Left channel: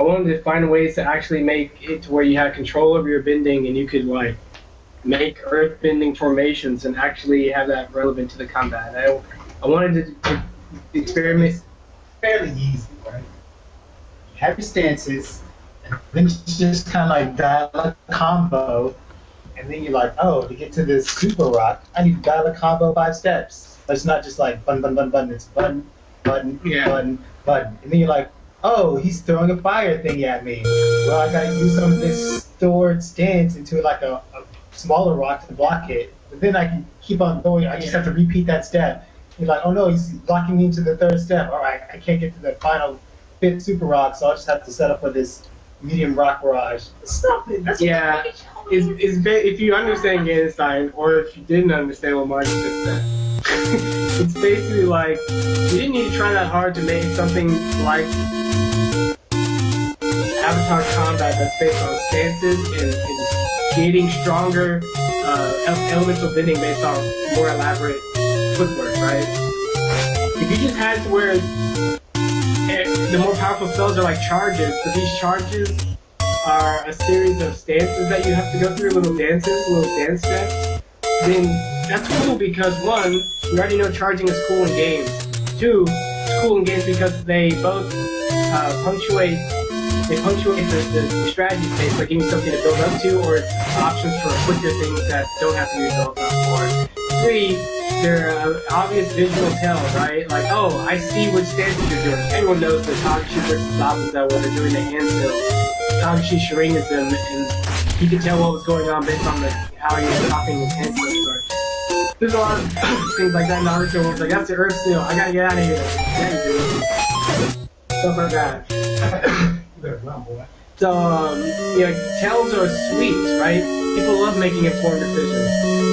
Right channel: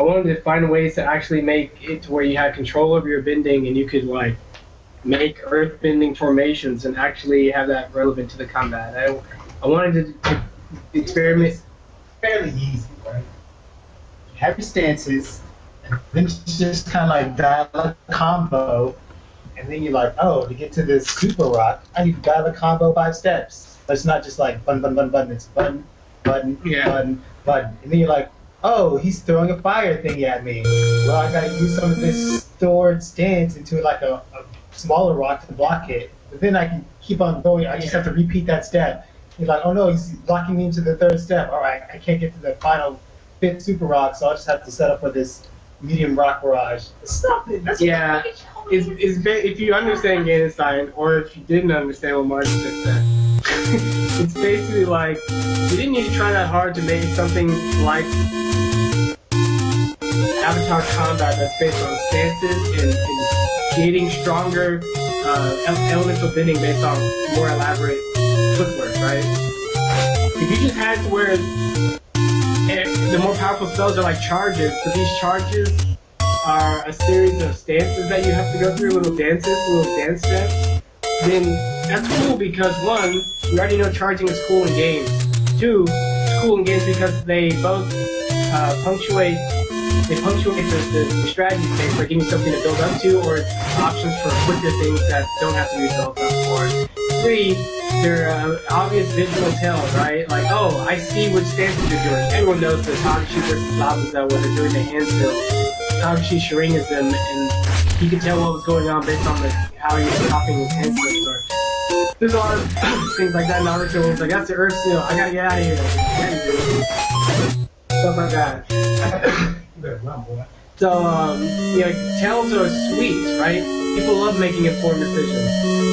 I wanted to find ways to actually make it to where you had control over your bending and you could like make earth bending formations and actually have that relevant to the combat. I wanted to experiment. It's fairly easy, right? You have your stances, and then you just kind of like dial a combo, and then you're like, oh, to get to this super rock, I need to dial a combo 5 steps. But it's not just like button, button, button, button. It's button, button, button, button. And then you're like, oh, he's throwing a fire thing at me. Well, I gotta use some of this stored stance into like a smaller rock to block it. But then I can keep on going. I just have to repeat that step. You're like, oh no, he's blocking me into the 3rd step. All right, I can't get to the final 5th super rock, so I'll just have to set up for this medium rock barrage. Stop it. That's if you understand game design, or if you didn't understand what Mark just said, it's basically like you didn't need to try that hard to make something like Avatar combat that's based on stances and creating stronger elemental bending based on more elaborate footwork, right? If you just had to where the more powerful spells are like charges, but these charges are a series of stances that you have to go through, little dance steps, then that's cool because 1, you already know charging is cool in games. 2, it's cool in games because they both punctuate the strategy space, like giving something to build up to, or options for quicker things that don't have to be built up for. 3, they're obvious visual tell, right? Like, oh, I see which stances you're doing. Everyone knows the Kagashi versus Zabuza when they're doing the handstill. Kagashi Sharingasm, and he could tell what was going on based on how he was copying his handstill. There's a lot of things like that. Naruto was like, that's the Earth Seal. I gotta get out of here. Stuff like that. So, tells are sweet, right? People love making informed decisions.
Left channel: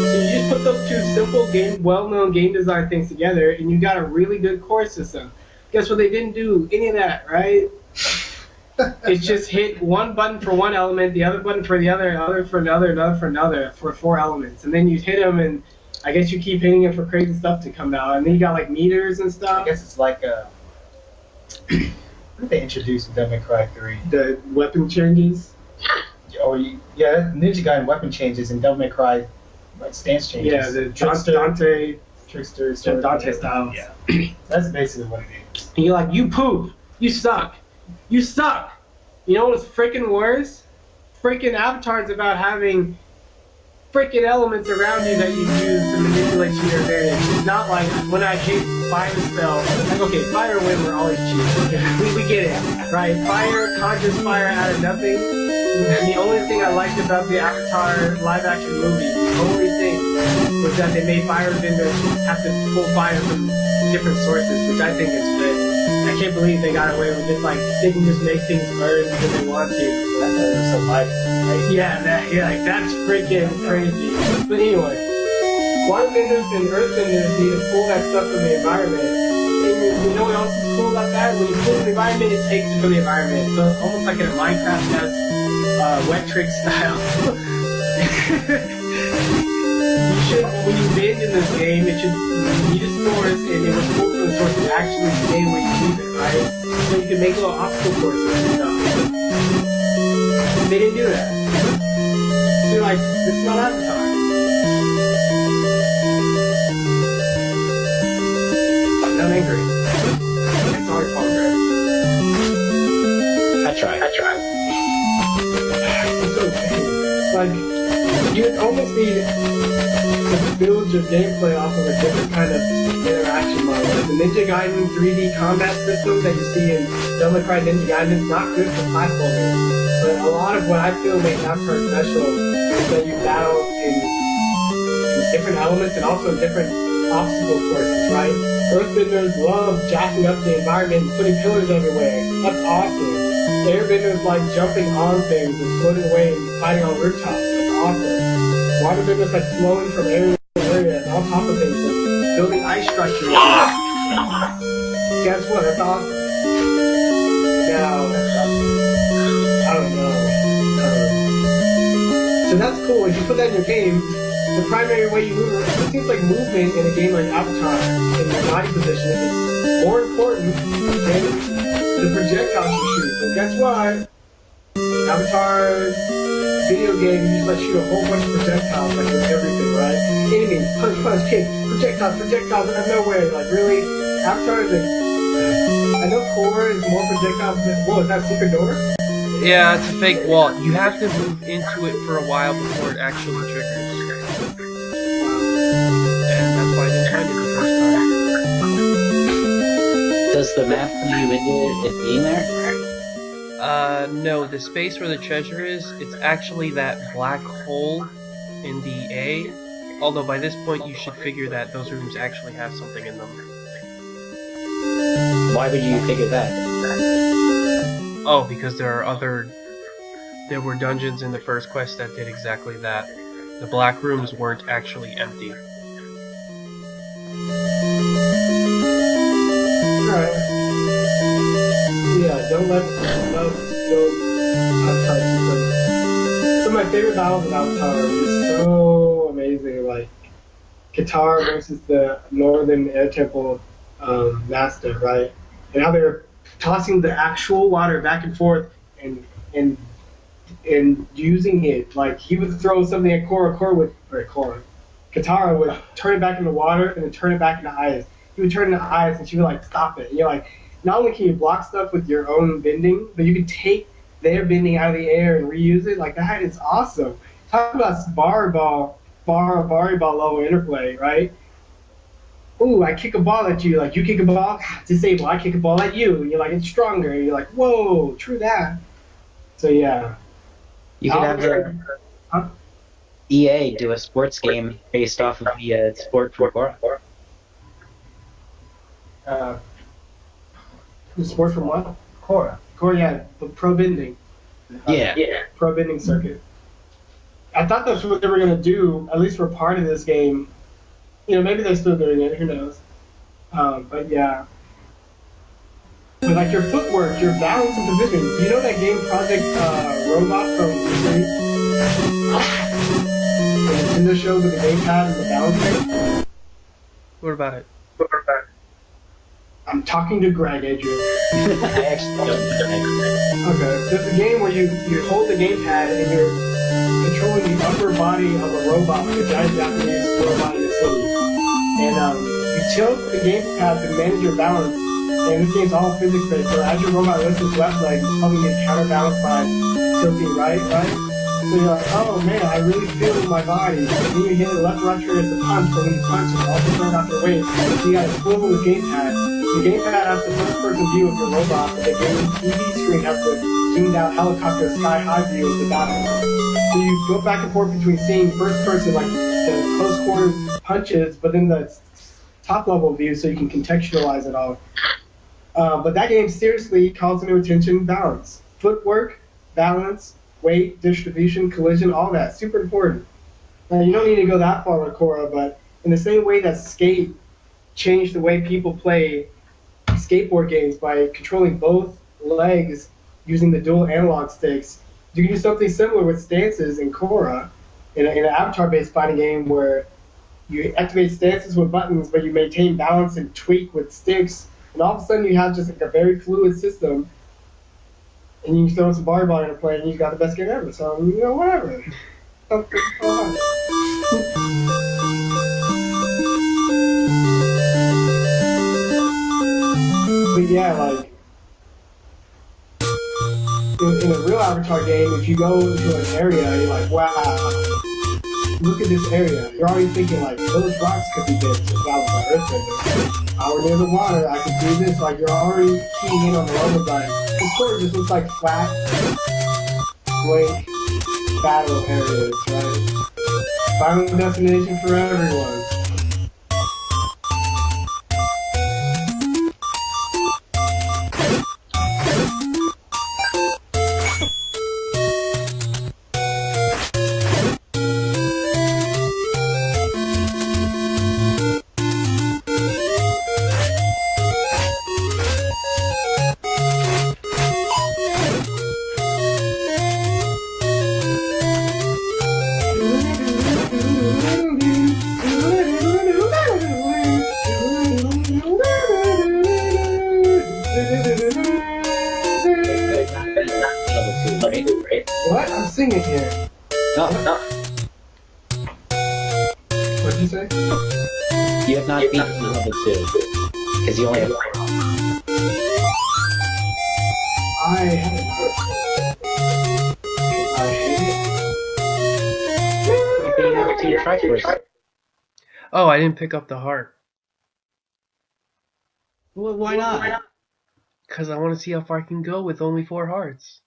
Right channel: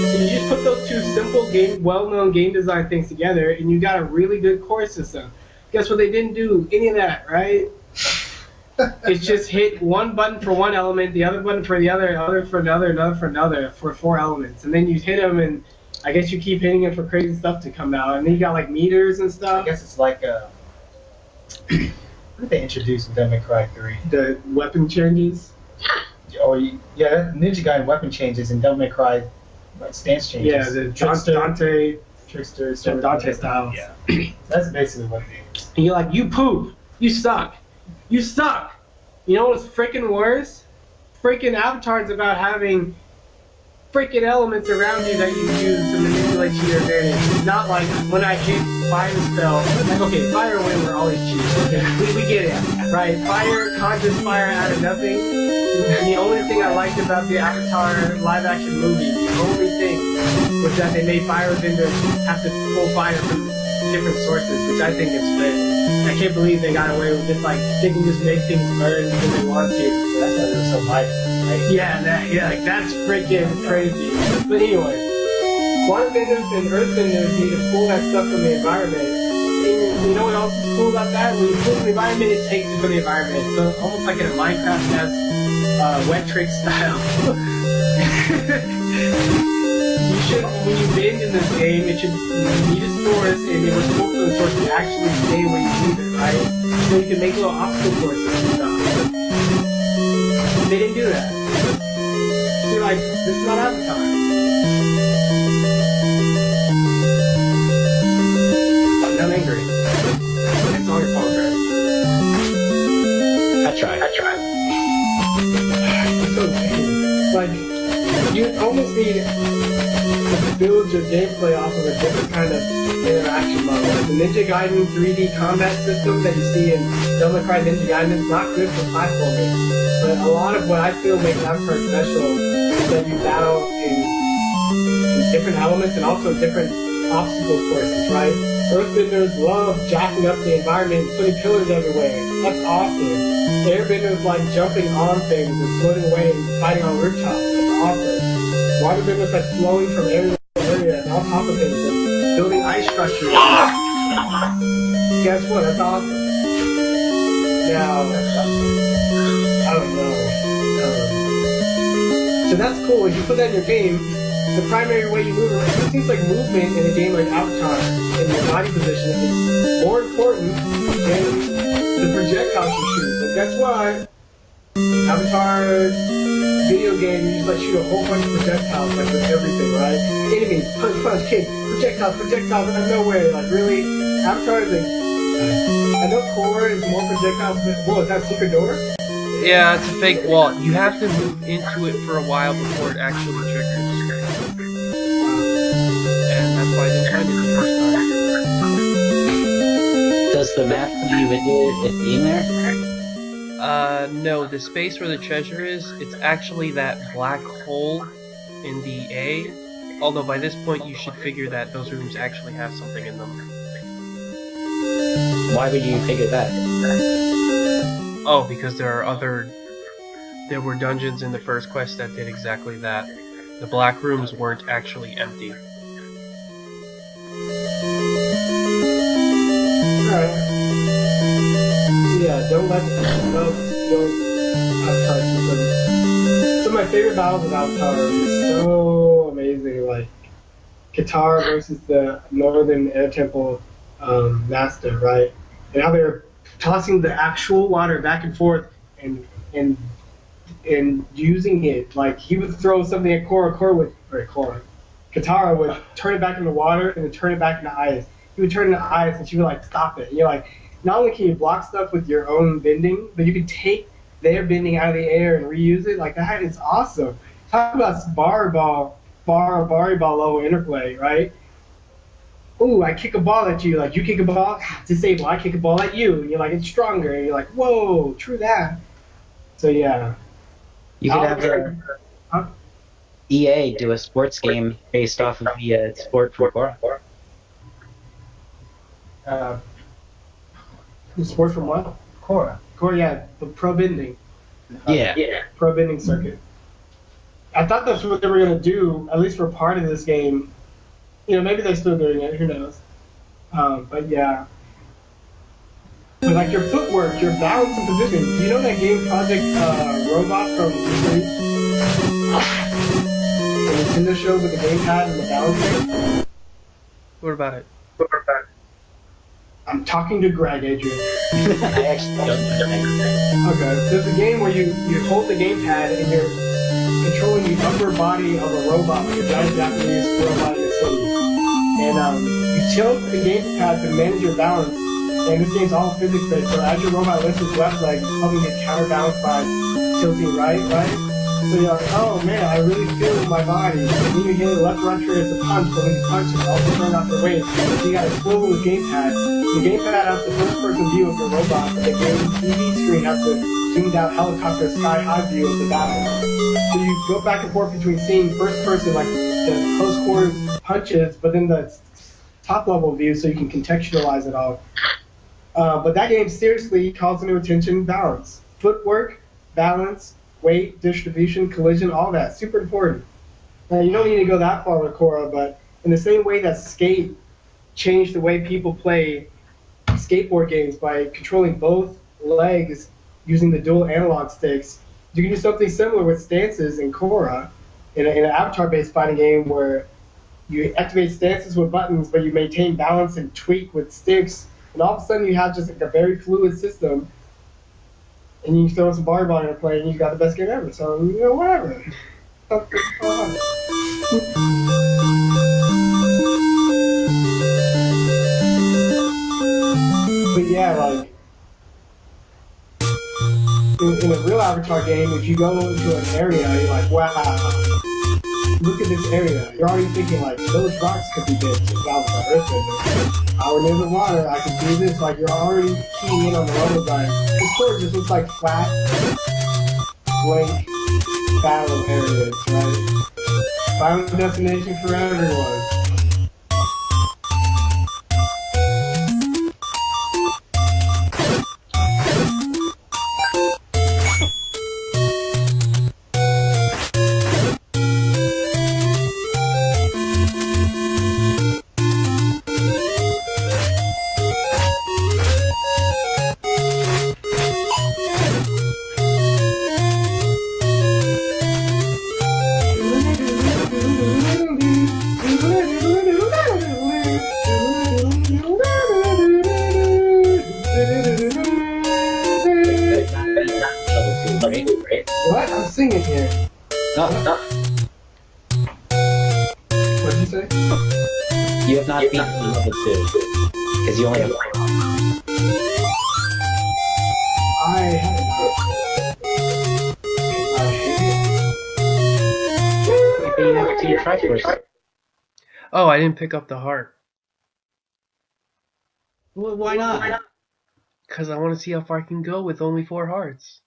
So you just put those two simple, well-known game design things together, and you got a really good core system. Guess what? They didn't do any of that, right? It's just hit one button for one element, the other button for the other for another, for 4 elements. And then you hit them, and I guess you keep hitting them for crazy stuff to come out. And then you got, like, meters and stuff. I guess it's like what did they introduce in Devil May Cry 3? The weapon changes? Ninja Gaiden weapon changes in Devil May Cry stance changes. Yeah, the Trickster Dante style. Yeah. That's basically what it is. And you're like, you poop. You suck. You suck. You know what's freaking worse? Freaking Avatar's about having freaking elements around you that you use to manipulate to your advantage. It's not like when I hit fire spell, like, okay, fire and wind were always cheap. We get it, right? Fire, conscious fire out of nothing. The only thing I liked about the Avatar live action movie, the only thing, was that they made firebenders have to pull fire from different sources, which I think is lit. I can't believe they got away with it. Like, they can just make things burn because they want to. That's why they're so light. Right? Yeah, like, that's freaking crazy. But anyway, waterbenders and earthbenders need to pull that stuff from the environment. And you know what else is cool about that? When you pull the environment, it takes it from the environment. So it's almost like in a Minecraft wet trick style. You should, when you bend in this game, it should need a source, and it was pull from the source to actually stay where you need it, right? So you can make little obstacle courses and stuff. They didn't do that. So you're like, this is not Avatar. I'm angry. It's all your fault, Greg. I tried. It's so bad. Like, you almost need to build your gameplay off of a different kind of interaction model. Like the Ninja Gaiden 3D combat system that you see in Devil May Cry Ninja Gaiden is not good for platforming. But a lot of what I feel makes Avatar special is that you battle in different elements and also different obstacle courses, right? Earthbenders love jacking up the environment and putting pillars everywhere. That's awesome. Airbenders like jumping on things and floating away and fighting on rooftops. That's awesome. Waterbenders like flowing from area to area and on top of things and building ice structures. Guess what? That's awesome. Now, I don't know. So that's cool. If you put that in your game, the primary way you move, it seems like movement in a game like Avatar in your body position is more important than the projectiles you shoot. guess what? Avatar video game, you just like shoot a whole bunch of projectiles like with everything, right? Enemy, punch, punch, kick, projectiles out of nowhere. Like really, Avatar is like. I know Core is more projectiles. Whoa, is that a secret door? Yeah, it's a fake wall. You have to move into it for a while before it actually triggers. And that's why I didn't find it the first time. Does the map lead you into it being there? No, the space where the treasure is, it's actually that black hole in the A. Although by this point you should figure that those rooms actually have something in them. Why would you figure that? Oh, because there were dungeons in the first quest that did exactly that. The black rooms weren't actually empty. Alright. Yeah, don't let no Avatar. Some of my favorite battles in Avatar is so amazing. Like Katara versus the Northern Air Temple Master, right? And how they're tossing the actual water back and forth and using it. Like he would throw something at Katara would turn it back into water and then turn it back into ice. He would turn it into ice and she would like stop it. And you're like, not only can you block stuff with your own bending, but you can take their bending out of the air and reuse it. Like that is awesome. Talk about volleyball level interplay, right? Ooh, I kick a ball at you, like you kick a ball, disable, I kick a ball at you, and you're like, it's stronger, and you're like, whoa, true that. So yeah. You could have EA do a sports game based off of the sport from Korra. Sport from what? Korra. Korra, yeah, the pro bending. Yeah. Pro bending circuit. I thought that's what they were gonna do, at least for part of this game. You know, maybe they're still doing it. Who knows? But yeah. But like your footwork, your balance and position. Do you know that game Project Robot from Wii? The Nintendo show with the gamepad and the balance thing? What about it? I'm talking to Greg, Adrian. I actually don't know. Okay. There's a game where you hold the gamepad and you're controlling the upper body of a robot, like a giant Japanese robot in a city. And you tilt the gamepad to manage your balance. And this game's all physics-based, so as your robot lifts its left leg, it's probably get counterbalanced by tilting right? So you're like, oh man, I really feel in my body. And then you hit the left or right trigger as a punch, but when you punch, it's also turned off your weight. So you gotta swivel the gamepad. The gamepad has the first-person view of your robot, but the game's TV screen has the zoomed-out helicopter sky-high view of the battle. So you go back and forth between seeing first-person, like the close-quarters punches, but then the top-level view, so you can contextualize it all. But that game seriously calls into attention balance. Footwork, balance, weight, distribution, collision, all that. Super important. Now, you don't need to go that far with Korra, but in the same way that Skate changed the way people play skateboard games by controlling both legs using the dual analog sticks, you can do something similar with stances in Korra in an avatar-based fighting game where you activate stances with buttons, but you maintain balance and tweak with sticks. And all of a sudden, you have just like a very fluid system, and you throw some volleyball into play, and you got the best game ever. So you know, whatever. But yeah, like in a real Avatar game, if you go into an area, you're like, wow, look at this area. You're already thinking like, those rocks could be big. So Avatar Earthbender. We're near the water, I can do this, like you're already keying in on the level design. This sort of just looks like flat, blank battle areas, right? Final destination for everyone. level 2, right? What? I'm singing here. No, What did you say? you have not beaten level 2. Because you only have 4. I haven't. I hate But you have to try first. Oh, I didn't pick up the heart. Well, why not? Because I want to see how far I can go with only 4 hearts.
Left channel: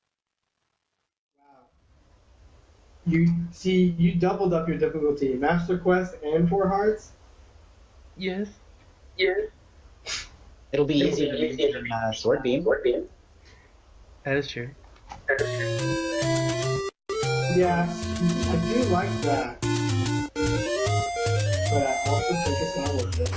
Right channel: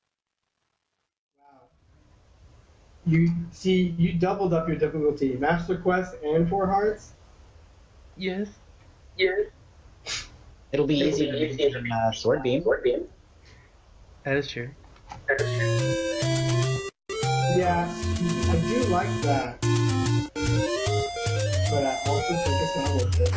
it. You see, you doubled up your difficulty. Master Quest and 4 hearts? Yes. It'll be easier to do than Sword Beam. That is true. Yeah, I do like that. But I also think it's not worth it.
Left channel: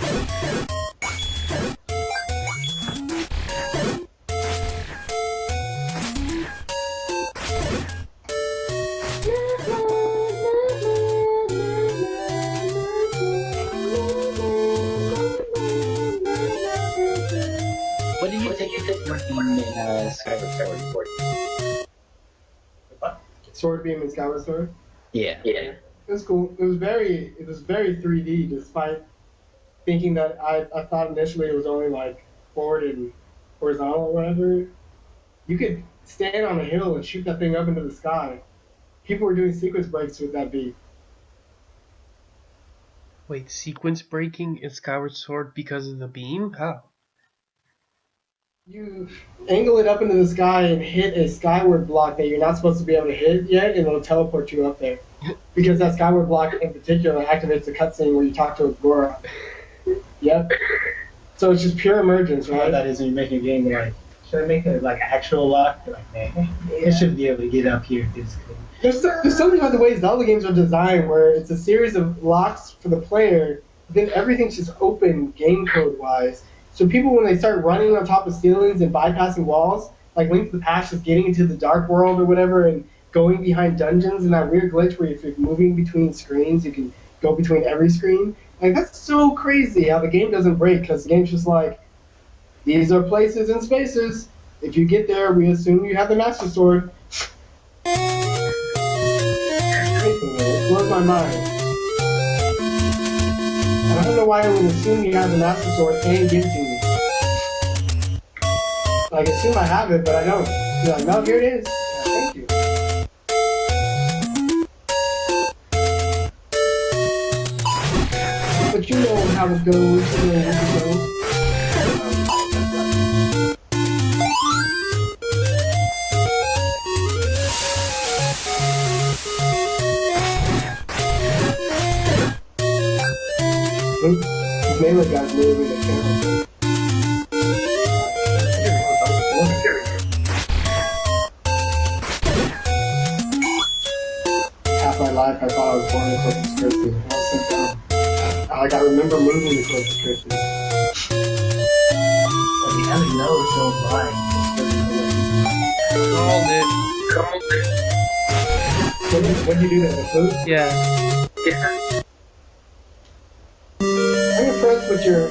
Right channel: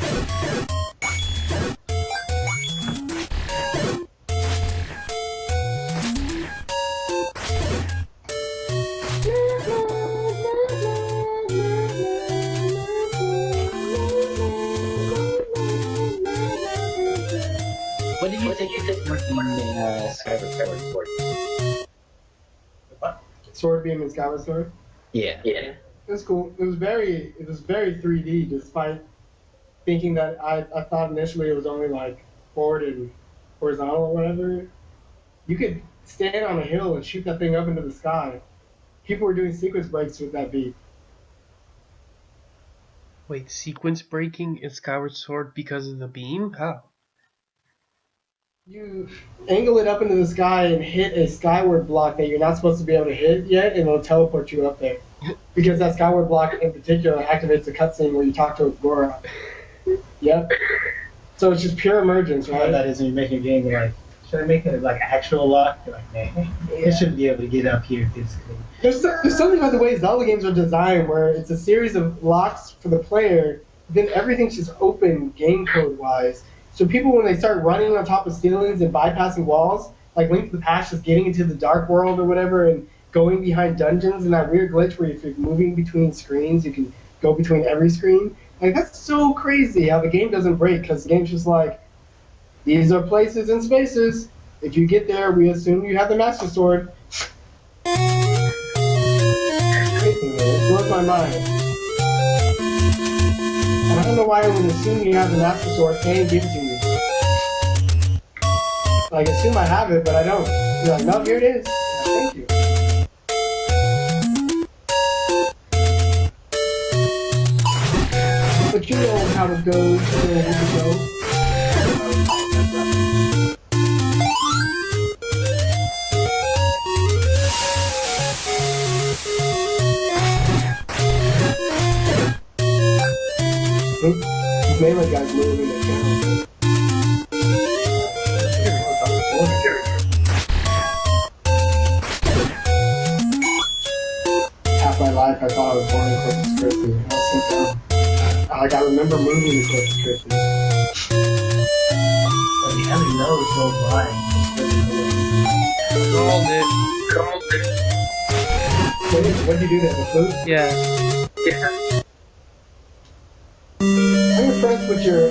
What did you think of working in Skyward Sword? Sword Beam and Skyward Sword? Yeah. It was cool. It was very 3D, despite thinking that I thought initially it was only like forward and horizontal or whatever. You could stand on a hill and shoot that thing up into the sky. People were doing sequence breaks with that beat. Wait, sequence breaking in Skyward Sword because of the beam? How? You angle it up into the sky and hit a skyward block that you're not supposed to be able to hit yet, and it'll teleport you up there. Because that skyward block in particular activates the cutscene where you talk to Agora. Yep. So it's just pure emergence, How right? that is when you make a game, you're like, should I make it like actual lock? You're like, man, it should be able to get up here physically. There's something about the way Zelda games are designed where it's a series of locks for the player, then everything's just open game code wise. So people, when they start running on top of ceilings and bypassing walls, like Link to the Past is getting into the dark world or whatever and going behind dungeons and that weird glitch where if you're moving between screens, you can go between every screen. Like, that's so crazy how the game doesn't break, because the game's just like, these are places and spaces. If you get there, we assume you have the Master Sword. It blows my mind. And I don't know why I would assume you have the Master Sword and give it to me. Like, assume I have it, but I don't. You're like, no, here it is. Yeah, thank you. But you know how it goes, you know where to go. These melee guys moving the camera. Half my life I thought I was born in Corpus Christi. I was so dumb. Like, I remember moving to Corpus Christi. And the other nose so blind. Called it. What did you do there? The flute? Yeah. I'm impressed with your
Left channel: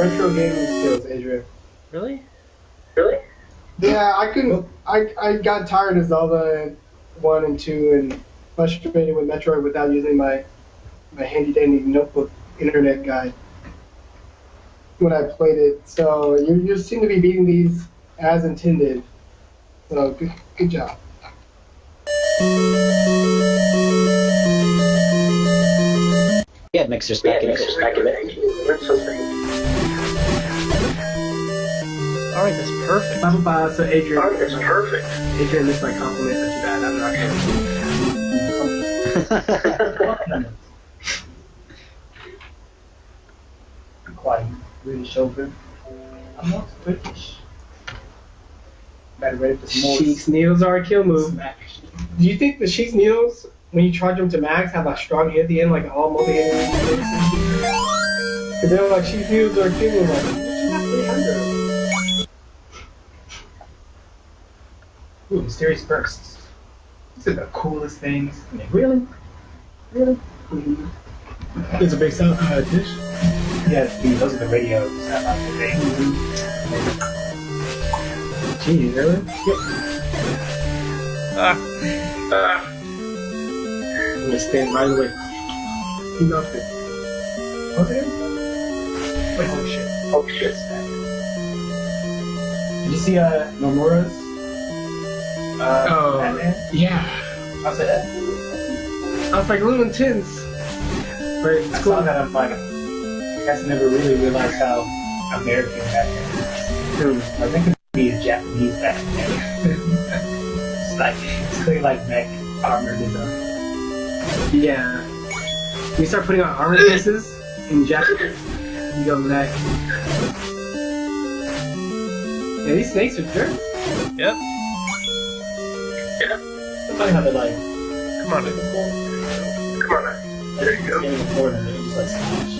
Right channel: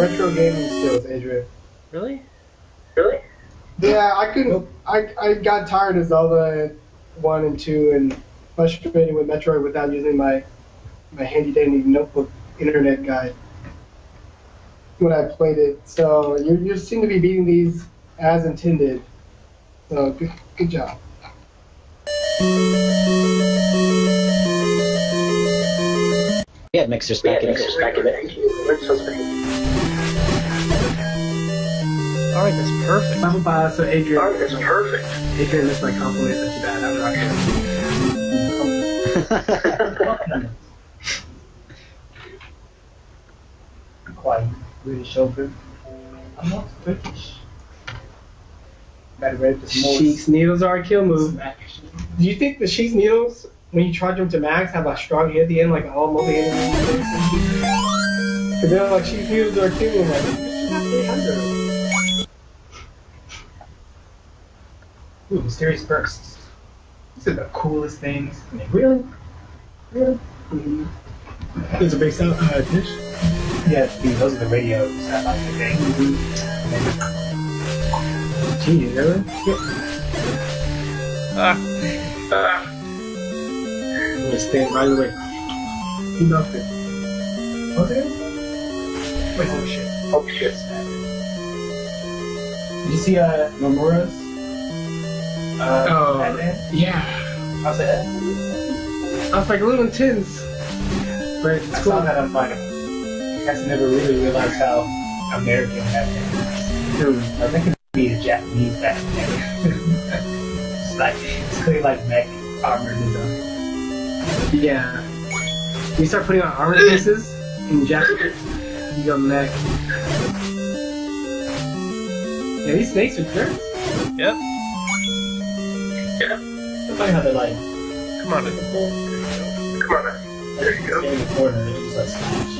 retro gaming skills, Adrian. Really? Yeah, I couldn't. I got tired of Zelda 1 and 2 and frustrated with Metroid without using my handy dandy notebook internet guide when I played it. So you seem to be beating these as intended. So good job. Yeah, mixers back in. Alright, that's perfect. So Adrian, that's perfect. Adrian, that's my compliment. That's bad. I'm not gonna. Quiet, really chauffeur. I'm not British. Better ready for some more. Sheik's needles are a kill move. Smack. Do you think the Sheik's needles, when you charge them to max, have a strong hit at the end, like all multi-hit? Because they're like, Sheik's needles are a kill move. Like, you have 300. Ooh, mysterious bursts. These are the coolest things. I mean, really? Mm-hmm. It's a big sound dish. Yeah, dude, those are the radios. I like the thing. Gee, really? Yeah. I'm gonna stand right away. He knocked it. Okay. Wait, oh shit. Oh shit. Did you see Nomura's? Oh, Batman? yeah. How's that? I was like a little intense. But I it's saw cool. that. I'm like, I guys never really realized how American Batman is. I think it'd be a Japanese Batman. It's clearly like mech armor design. Yeah. You start putting on armor pieces in Japanese, you go mech. Yeah, these snakes are jerks. Yep. It's funny how they're like, Come on. there you go. In the corner, and just like smash.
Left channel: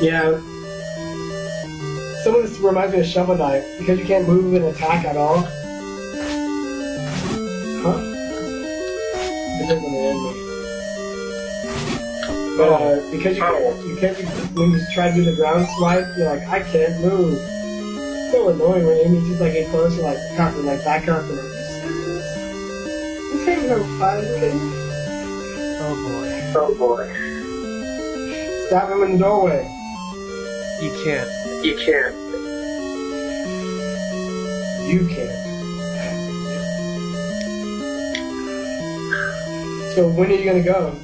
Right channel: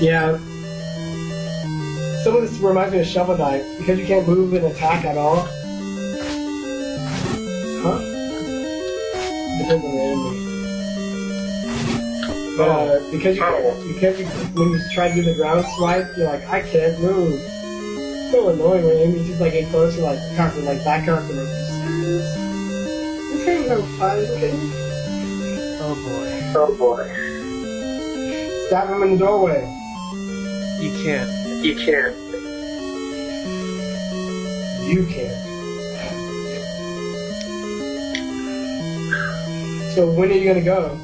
Yeah. Some of this reminds me of Shovel Knight because you can't move and attack at all. Huh? Depends on the enemy. Because when you try to do the ground swipe, you're like, I can't move. It's so annoying when enemies just like get close, you're like, constantly like back up and like, this ain't no fun. Oh boy. Oh boy. Stab him in the doorway. You can't. You can't. You can't. So when are you gonna go?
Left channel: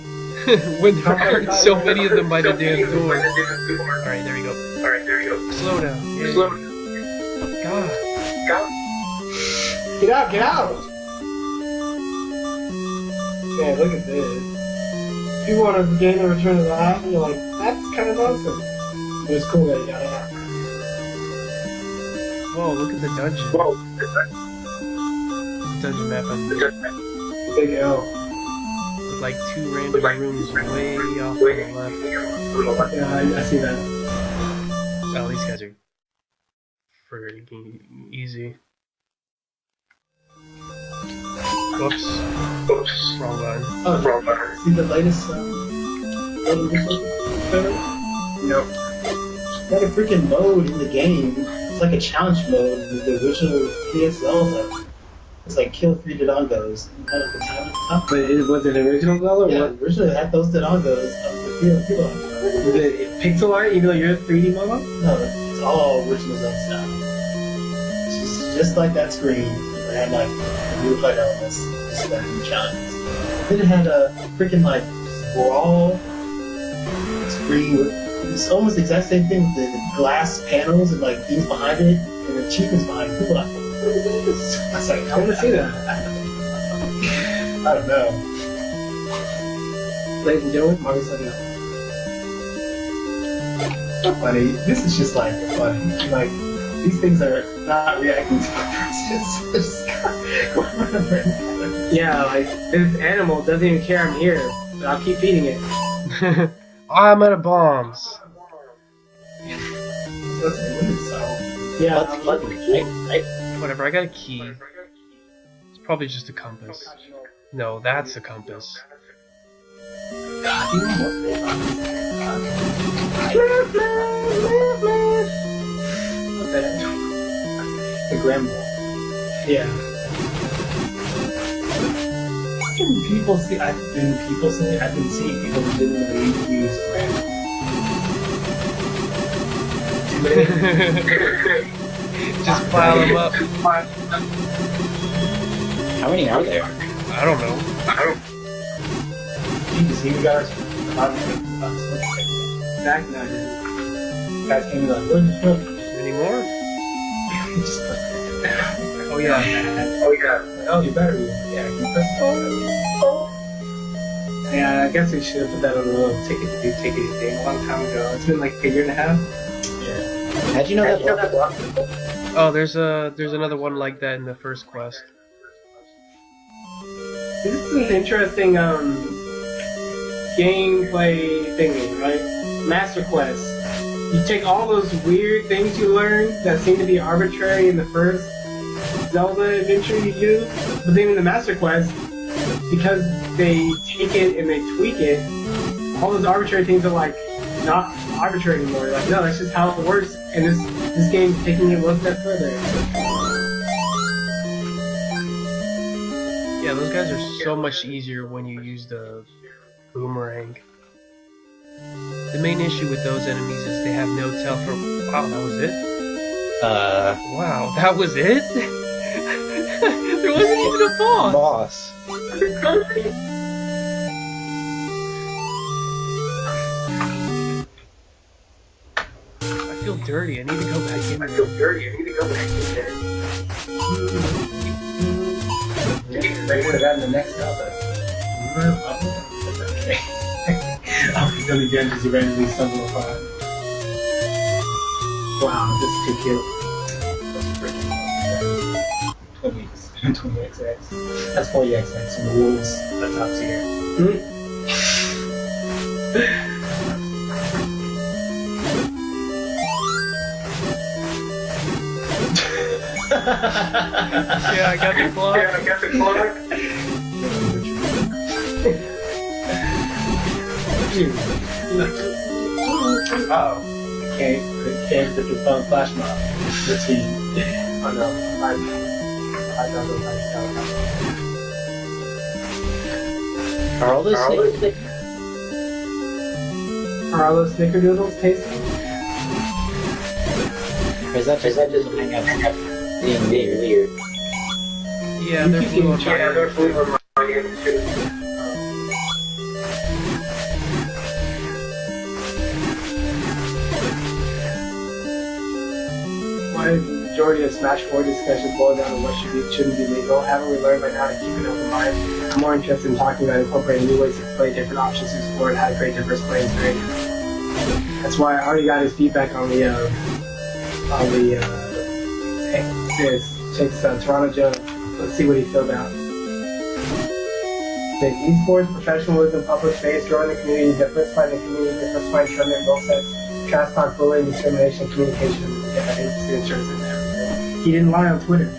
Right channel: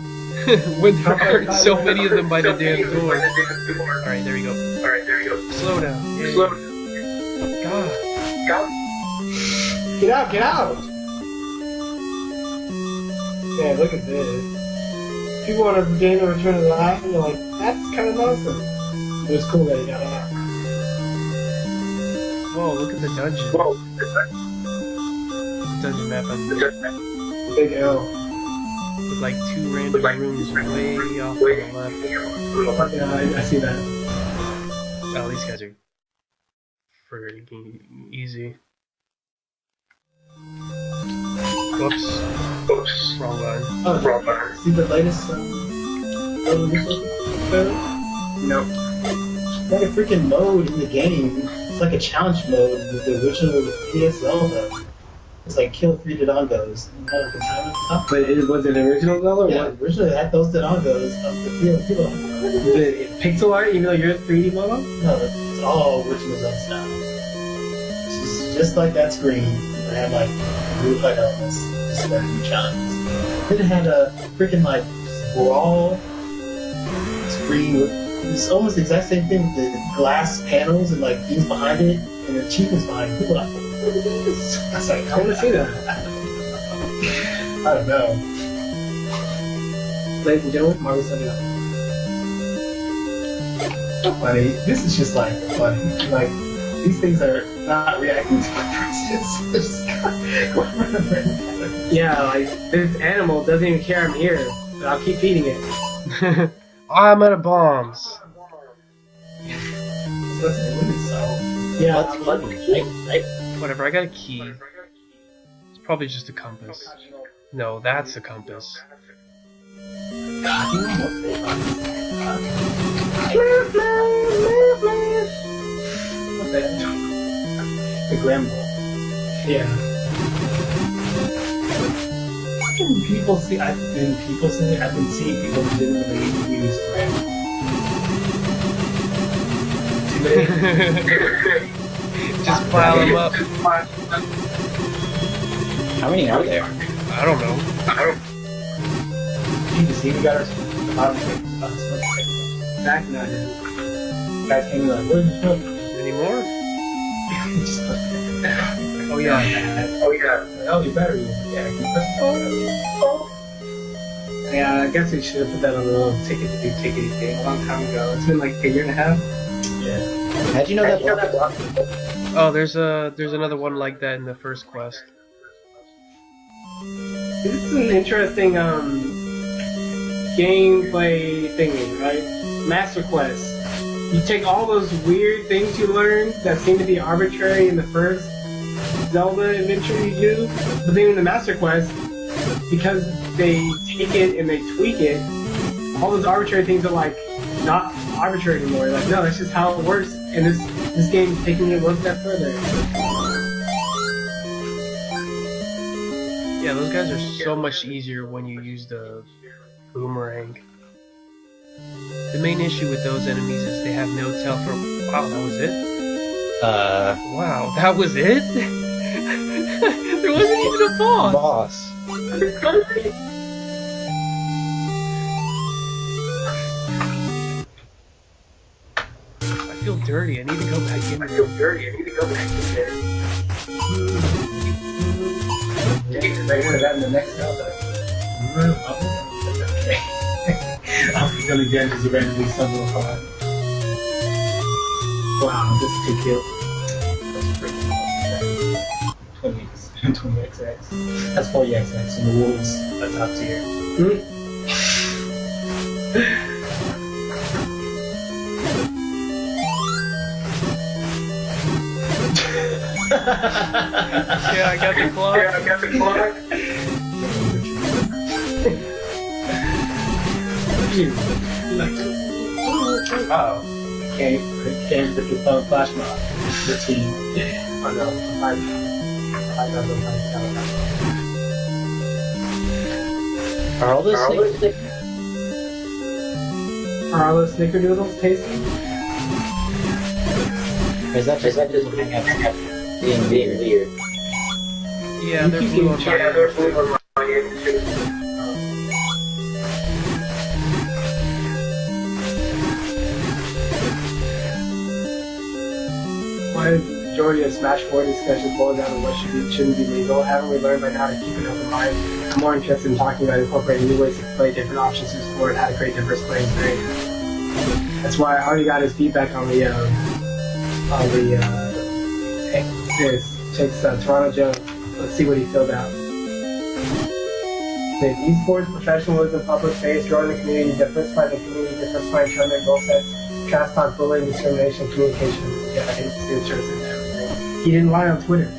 When there aren't so many of them by the damn door. Alright, there you go. Slow down. Yeah. God. Get out, get out! Man, look at this. People want to gain the return of the life, and you're like, that's kind of nonsense. It was cool that he got out. Whoa, look at the dungeon. Dungeon map on Big L. with like 2 random rooms way off on the left. Yeah, I see that. Oh, these guys are freaking easy. Whoops. Wrong button. Oh, wrong button. See the latest No. Got a freaking mode in the game. It's like a challenge mode with the original PS Zelda. It's like kill 3 Dodongos. Like a challenge. But was it original Zelda or Yeah, what? originally it had those Dodongos of the people. Was it pixel art even though you're 3D model? No, it's all original Zelda style. It's just like that screen. It had like real light elements, just like new challenges. Then it had a freaking like brawl screen with it's almost the exact same thing with the glass panels and like things behind it and the achievements behind it. People are like, look at this. I was like, I want to see that. I don't know. Ladies and gentlemen, Marcus let me know. Funny. This is just like funny. Like these things are not reacting to my presence. Yeah, like this animal doesn't even care I'm here, but I'll keep feeding it. I'm out of bombs. Yeah, What's funny? Whatever, I got a key. It's probably just a compass. No, that's a compass. What's that? The Gremlin. yeah. People see. I've been seeing people legitimately use Gremlin. Just pile them up. How many are there? I don't know. Jesus, we got our Back nine. guys came in like, where's the film? Any more? Just Oh yeah. oh, your battery. Yeah, can you put Yeah, I guess we should have put that on the little tickety thing a long time ago. It's been like a year and a half. Yeah. How'd you know that block? Oh, there's another one like that in the first quest. This is an interesting gameplay thingy, right? Master Quest. You take all those weird things you learn that seem to be arbitrary in the first Zelda adventure you do, but then in the Master Quest, because they take it and they tweak it, all those arbitrary things are like not arbitrary anymore. Like, no, that's just how it works, and this game's taking it one step further. Yeah, those guys are so much easier when you use the boomerang. The main issue with those enemies is they have no tell for. Wow, that was it? Wow, that was it? There wasn't even a boss! Boss. I feel dirty, I need to go back in there. They would have gotten the next Zelda. I'm gonna get just randomly stumble upon. Wow, this is too cute. That's pretty. 20XX. That's 40XX, and the wolves are top tier. Yeah, I got the clock. Oh, can't get the phone flash mob. Routine. Oh no, I know those Are all those Are all those snickerdoodles tasty? Or is that just being weird? Yeah, they're blue on my end. Why is the majority of Smash 4 discussion boiled down to what should be, shouldn't be legal? Haven't we learned by now to keep an open mind? I'm more interested in talking about incorporating new ways to play, different options to explore, and how to create diverse play experiences. That's why I already got his feedback on the Toronto Joe. Let's see what he filled out. Says esports, professionalism, public face, growing the community, diversifying the community, diversifying tournament goal sets, trash talk, bullying, discrimination, communication. Yeah, his insurance and everything. He didn't lie on Twitter.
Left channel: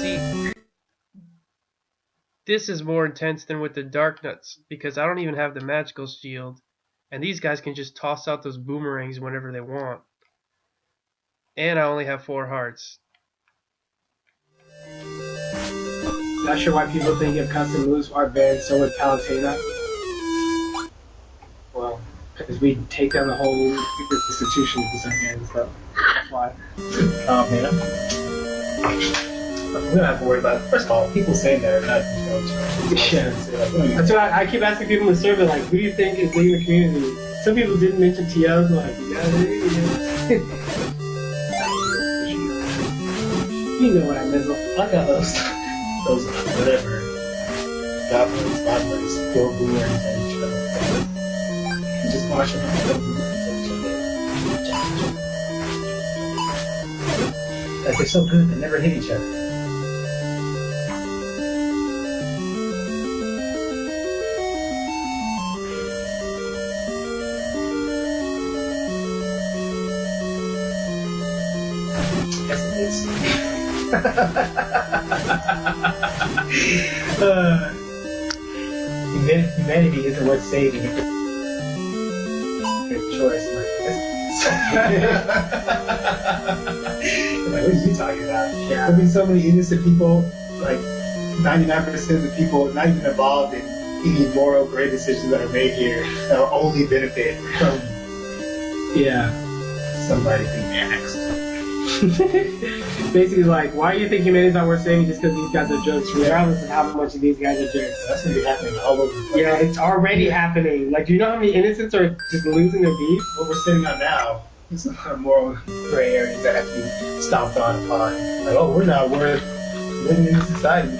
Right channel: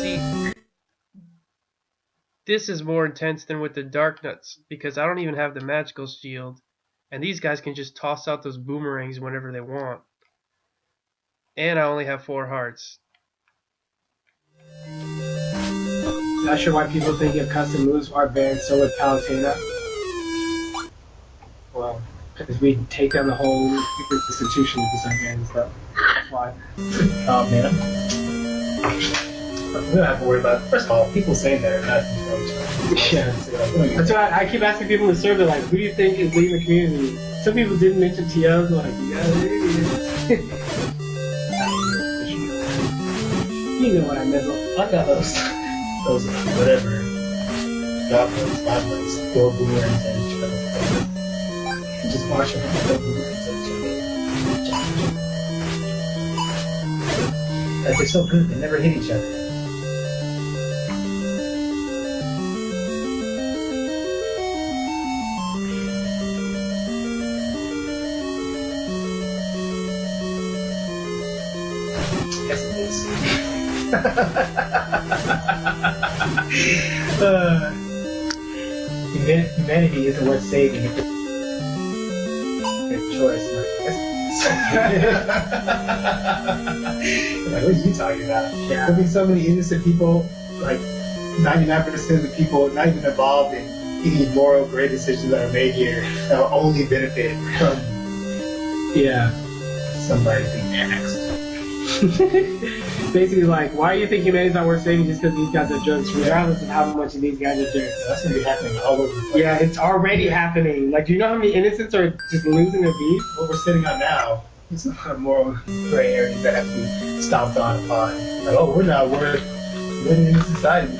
See, this is more intense than with the Dark Nuts, because I don't even have the magical shield, and these guys can just toss out those boomerangs whenever they want. And I only have 4 hearts. Not sure why people think if custom moves are banned, so would Palutena. Well, because we take down the whole institution if it's unbanned, so that's why. Oh man. We don't have to worry about it. First of all, people saying that are not Yeah, that's why I keep asking people in the survey, like, who do you think is leading the community? Some people didn't mention TOs, like, yeah, they You know what I meant. I got those whatever goblins, throw boomerangs at each other. Just watch them throw boomerangs at each other. Like they're so good, they never hit each other. Yes, it is. Humanity isn't worth saving. Good choice. Like, what are you talking about? Yeah. There'll be so many innocent people, like 99% of the people not even involved in any moral great decisions that are made here that will only benefit from Yeah. somebody being axed. Basically, like, why do you think humanity's not worth saving just because these guys are jerks, regardless of how much of these guys are jerks? That's gonna be happening all over the place. Yeah, it's already happening. Like, do you know how many innocents are just losing their beef? What we're sitting on now is a lot of moral gray areas that have to be stomped on upon. Like, oh, we're living in a society.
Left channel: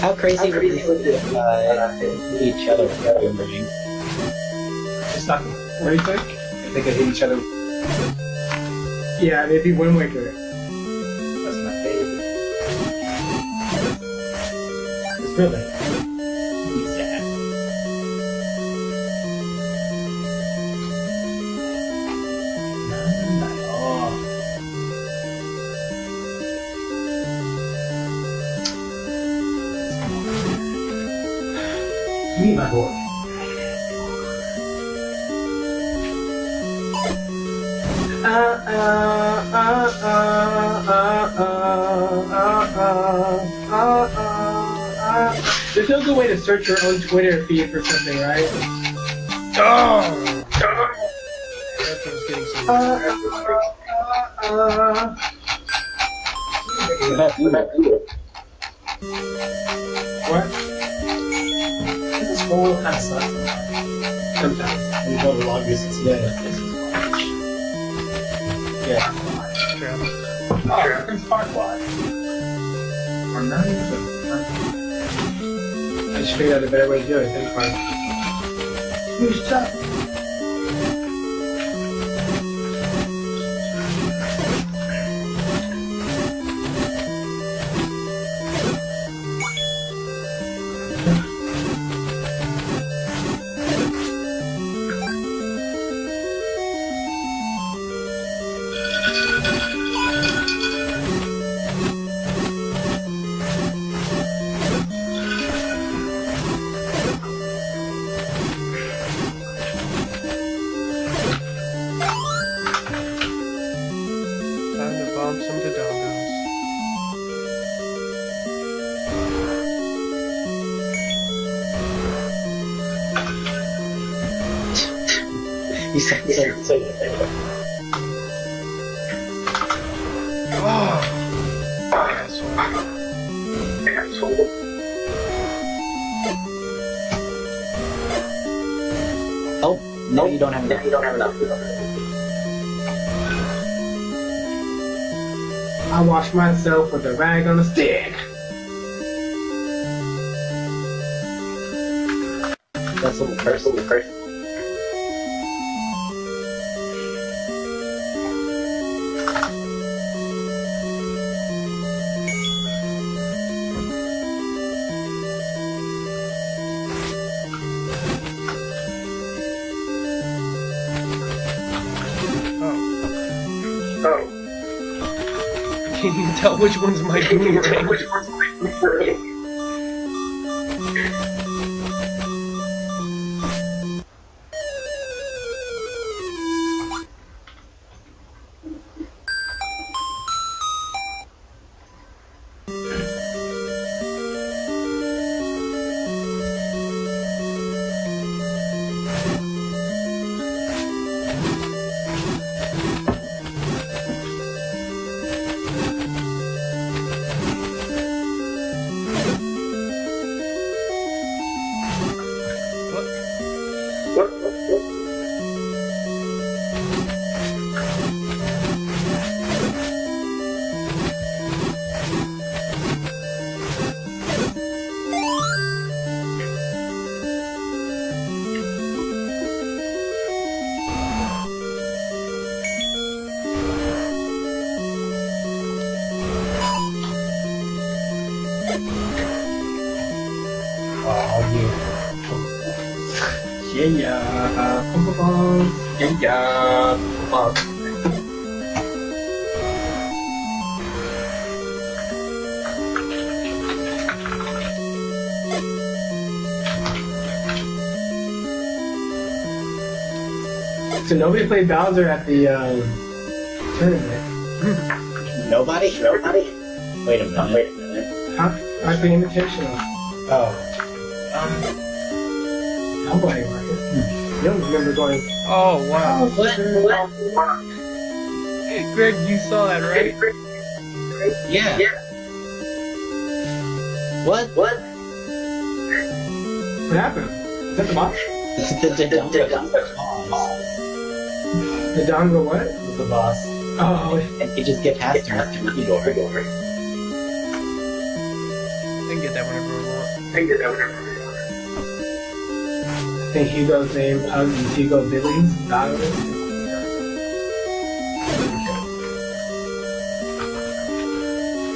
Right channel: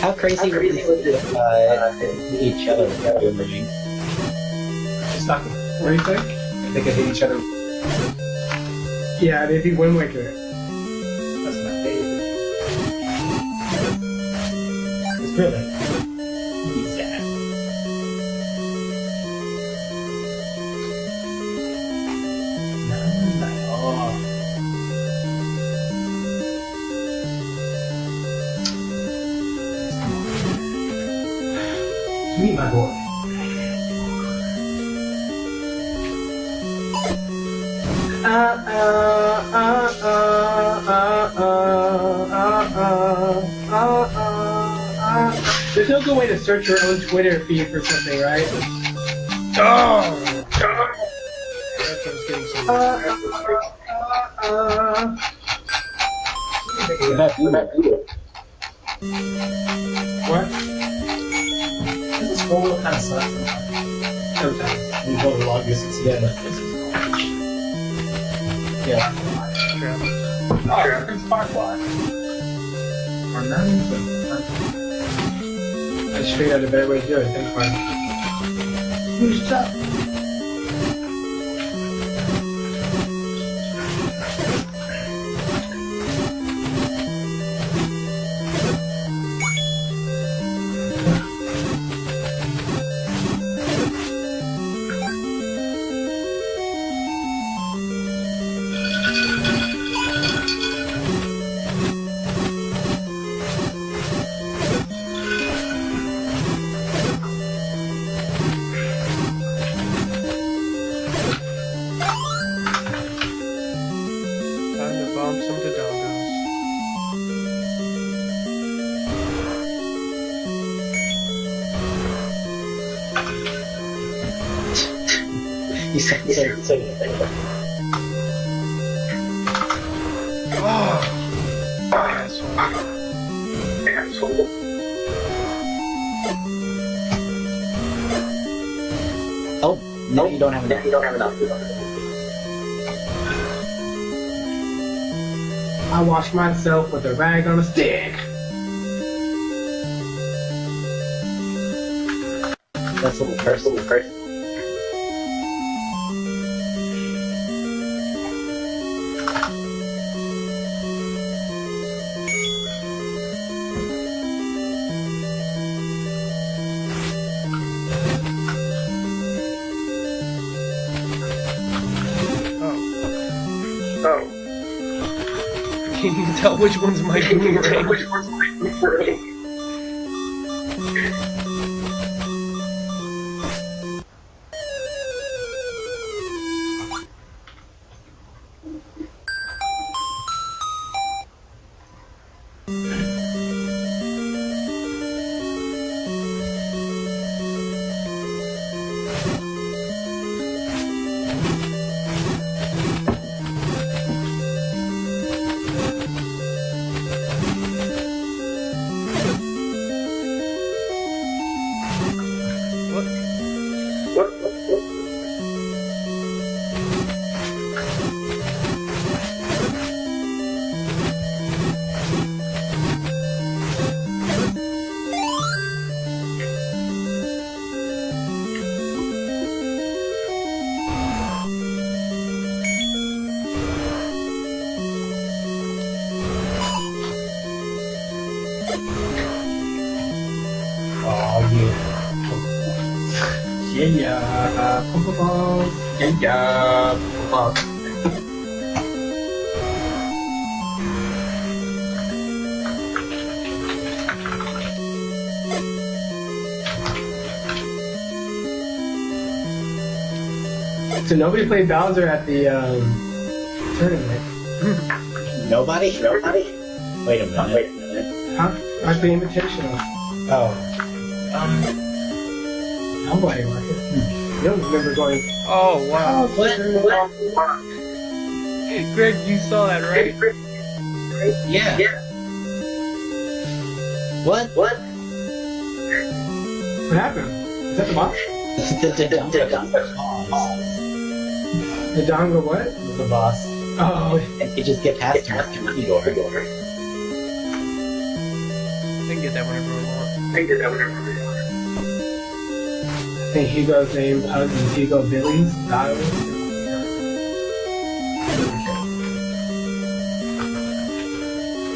How crazy would it hit each other with the boomerang? Just not. What do you think? They could hit each other. Yeah, maybe Wind Waker. That's my favorite. It's really. not bored. There's no good way to search your own Twitter feed for something, right? Oh! That's what I was getting What? This scroll kind of sucks sometimes. When you go the long distance, yeah. Trap. Oh, it's Firefly. Or not even. I just figured out a better way to do it. Thanks, Mark. Who's top? Time to bomb some dodongos. You said Oh! Asshole. Oh, no, you don't have enough. I wash myself with a rag on a stick. That's a little personal. Oh. Can you tell which one's my boomerang? So nobody played Bowser at the tournament. Nobody? Wait a minute. Huh? Like the invitational. Oh. Nobody, Marcus. You don't remember going, Oh, wow. What? Greg, you saw that, right? Yeah. What? what happened? Is that the boss? The dongle what? The boss. Oh, And you just get past him through the door. I can get that whenever I want. I think Hugo's name is Hugo Billy's daughter.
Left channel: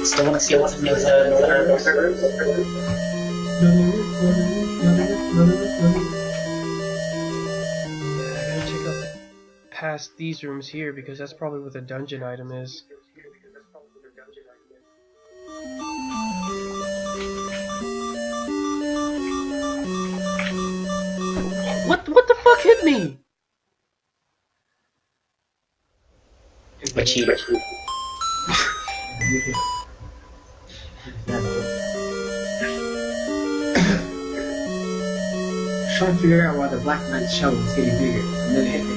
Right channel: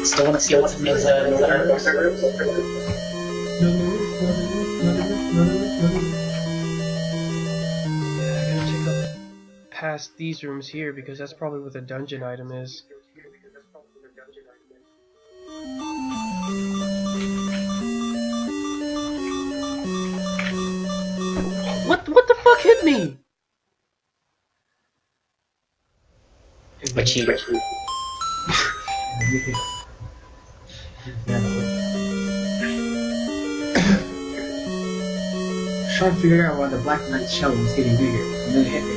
Still want to see what's in those Yeah, I gotta check up past these rooms here because that's probably what the dungeon item is. What the fuck hit me? But she. Trying to figure out why the Black Knight's shell was getting bigger, and then it hit me.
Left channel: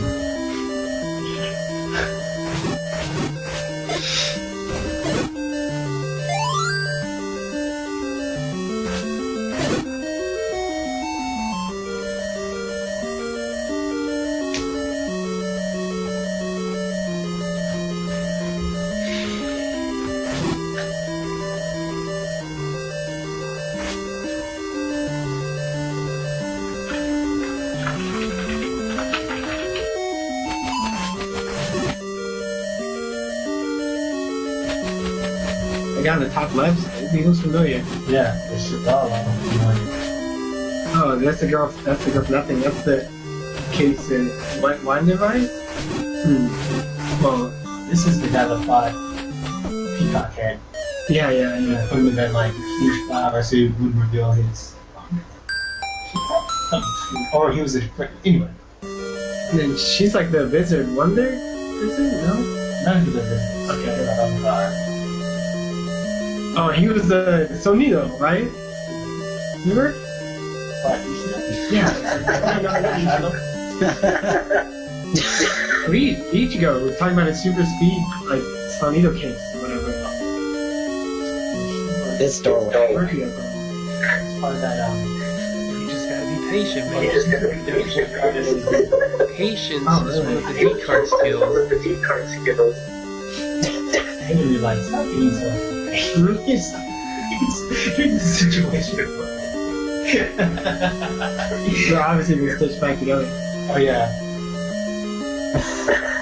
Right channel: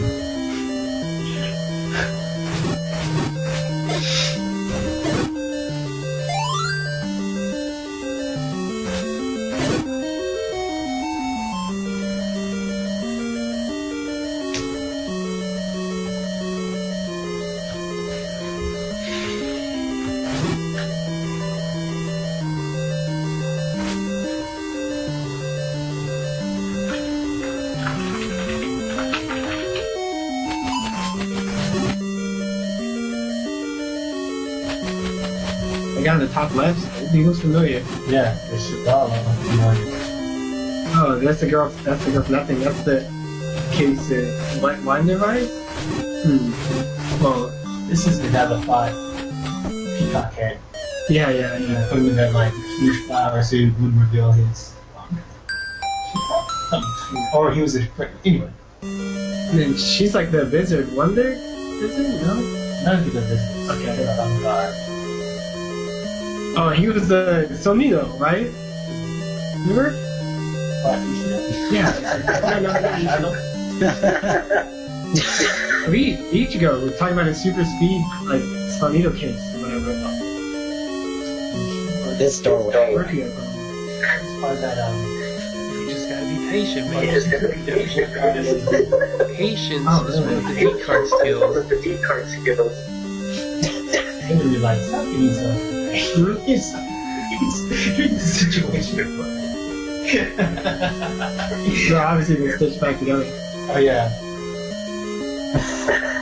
The guy on the top left, he looks familiar. Yeah, it's all. Oh, that's the girl. That's the girl for nothing. That's the kid who said, "Wine device." Well, This is the guy that fought Peacock Head. yeah. Put him in that like huge flower so he wouldn't reveal his. Or he was a anyway. And then she's like the Wizard Wonder. Is it? No. None of the business. Okay. Oh, he was the Sonido, right? Remember? Yeah. Each ago, we were talking about his super speed, like Sonido case, or whatever. This doorway. Where'd he go? You just gotta be patient, man. Patience is one of the D card skills. I didn't realize stop being so. Here's the situation. So obviously they stitched back together. Oh yeah.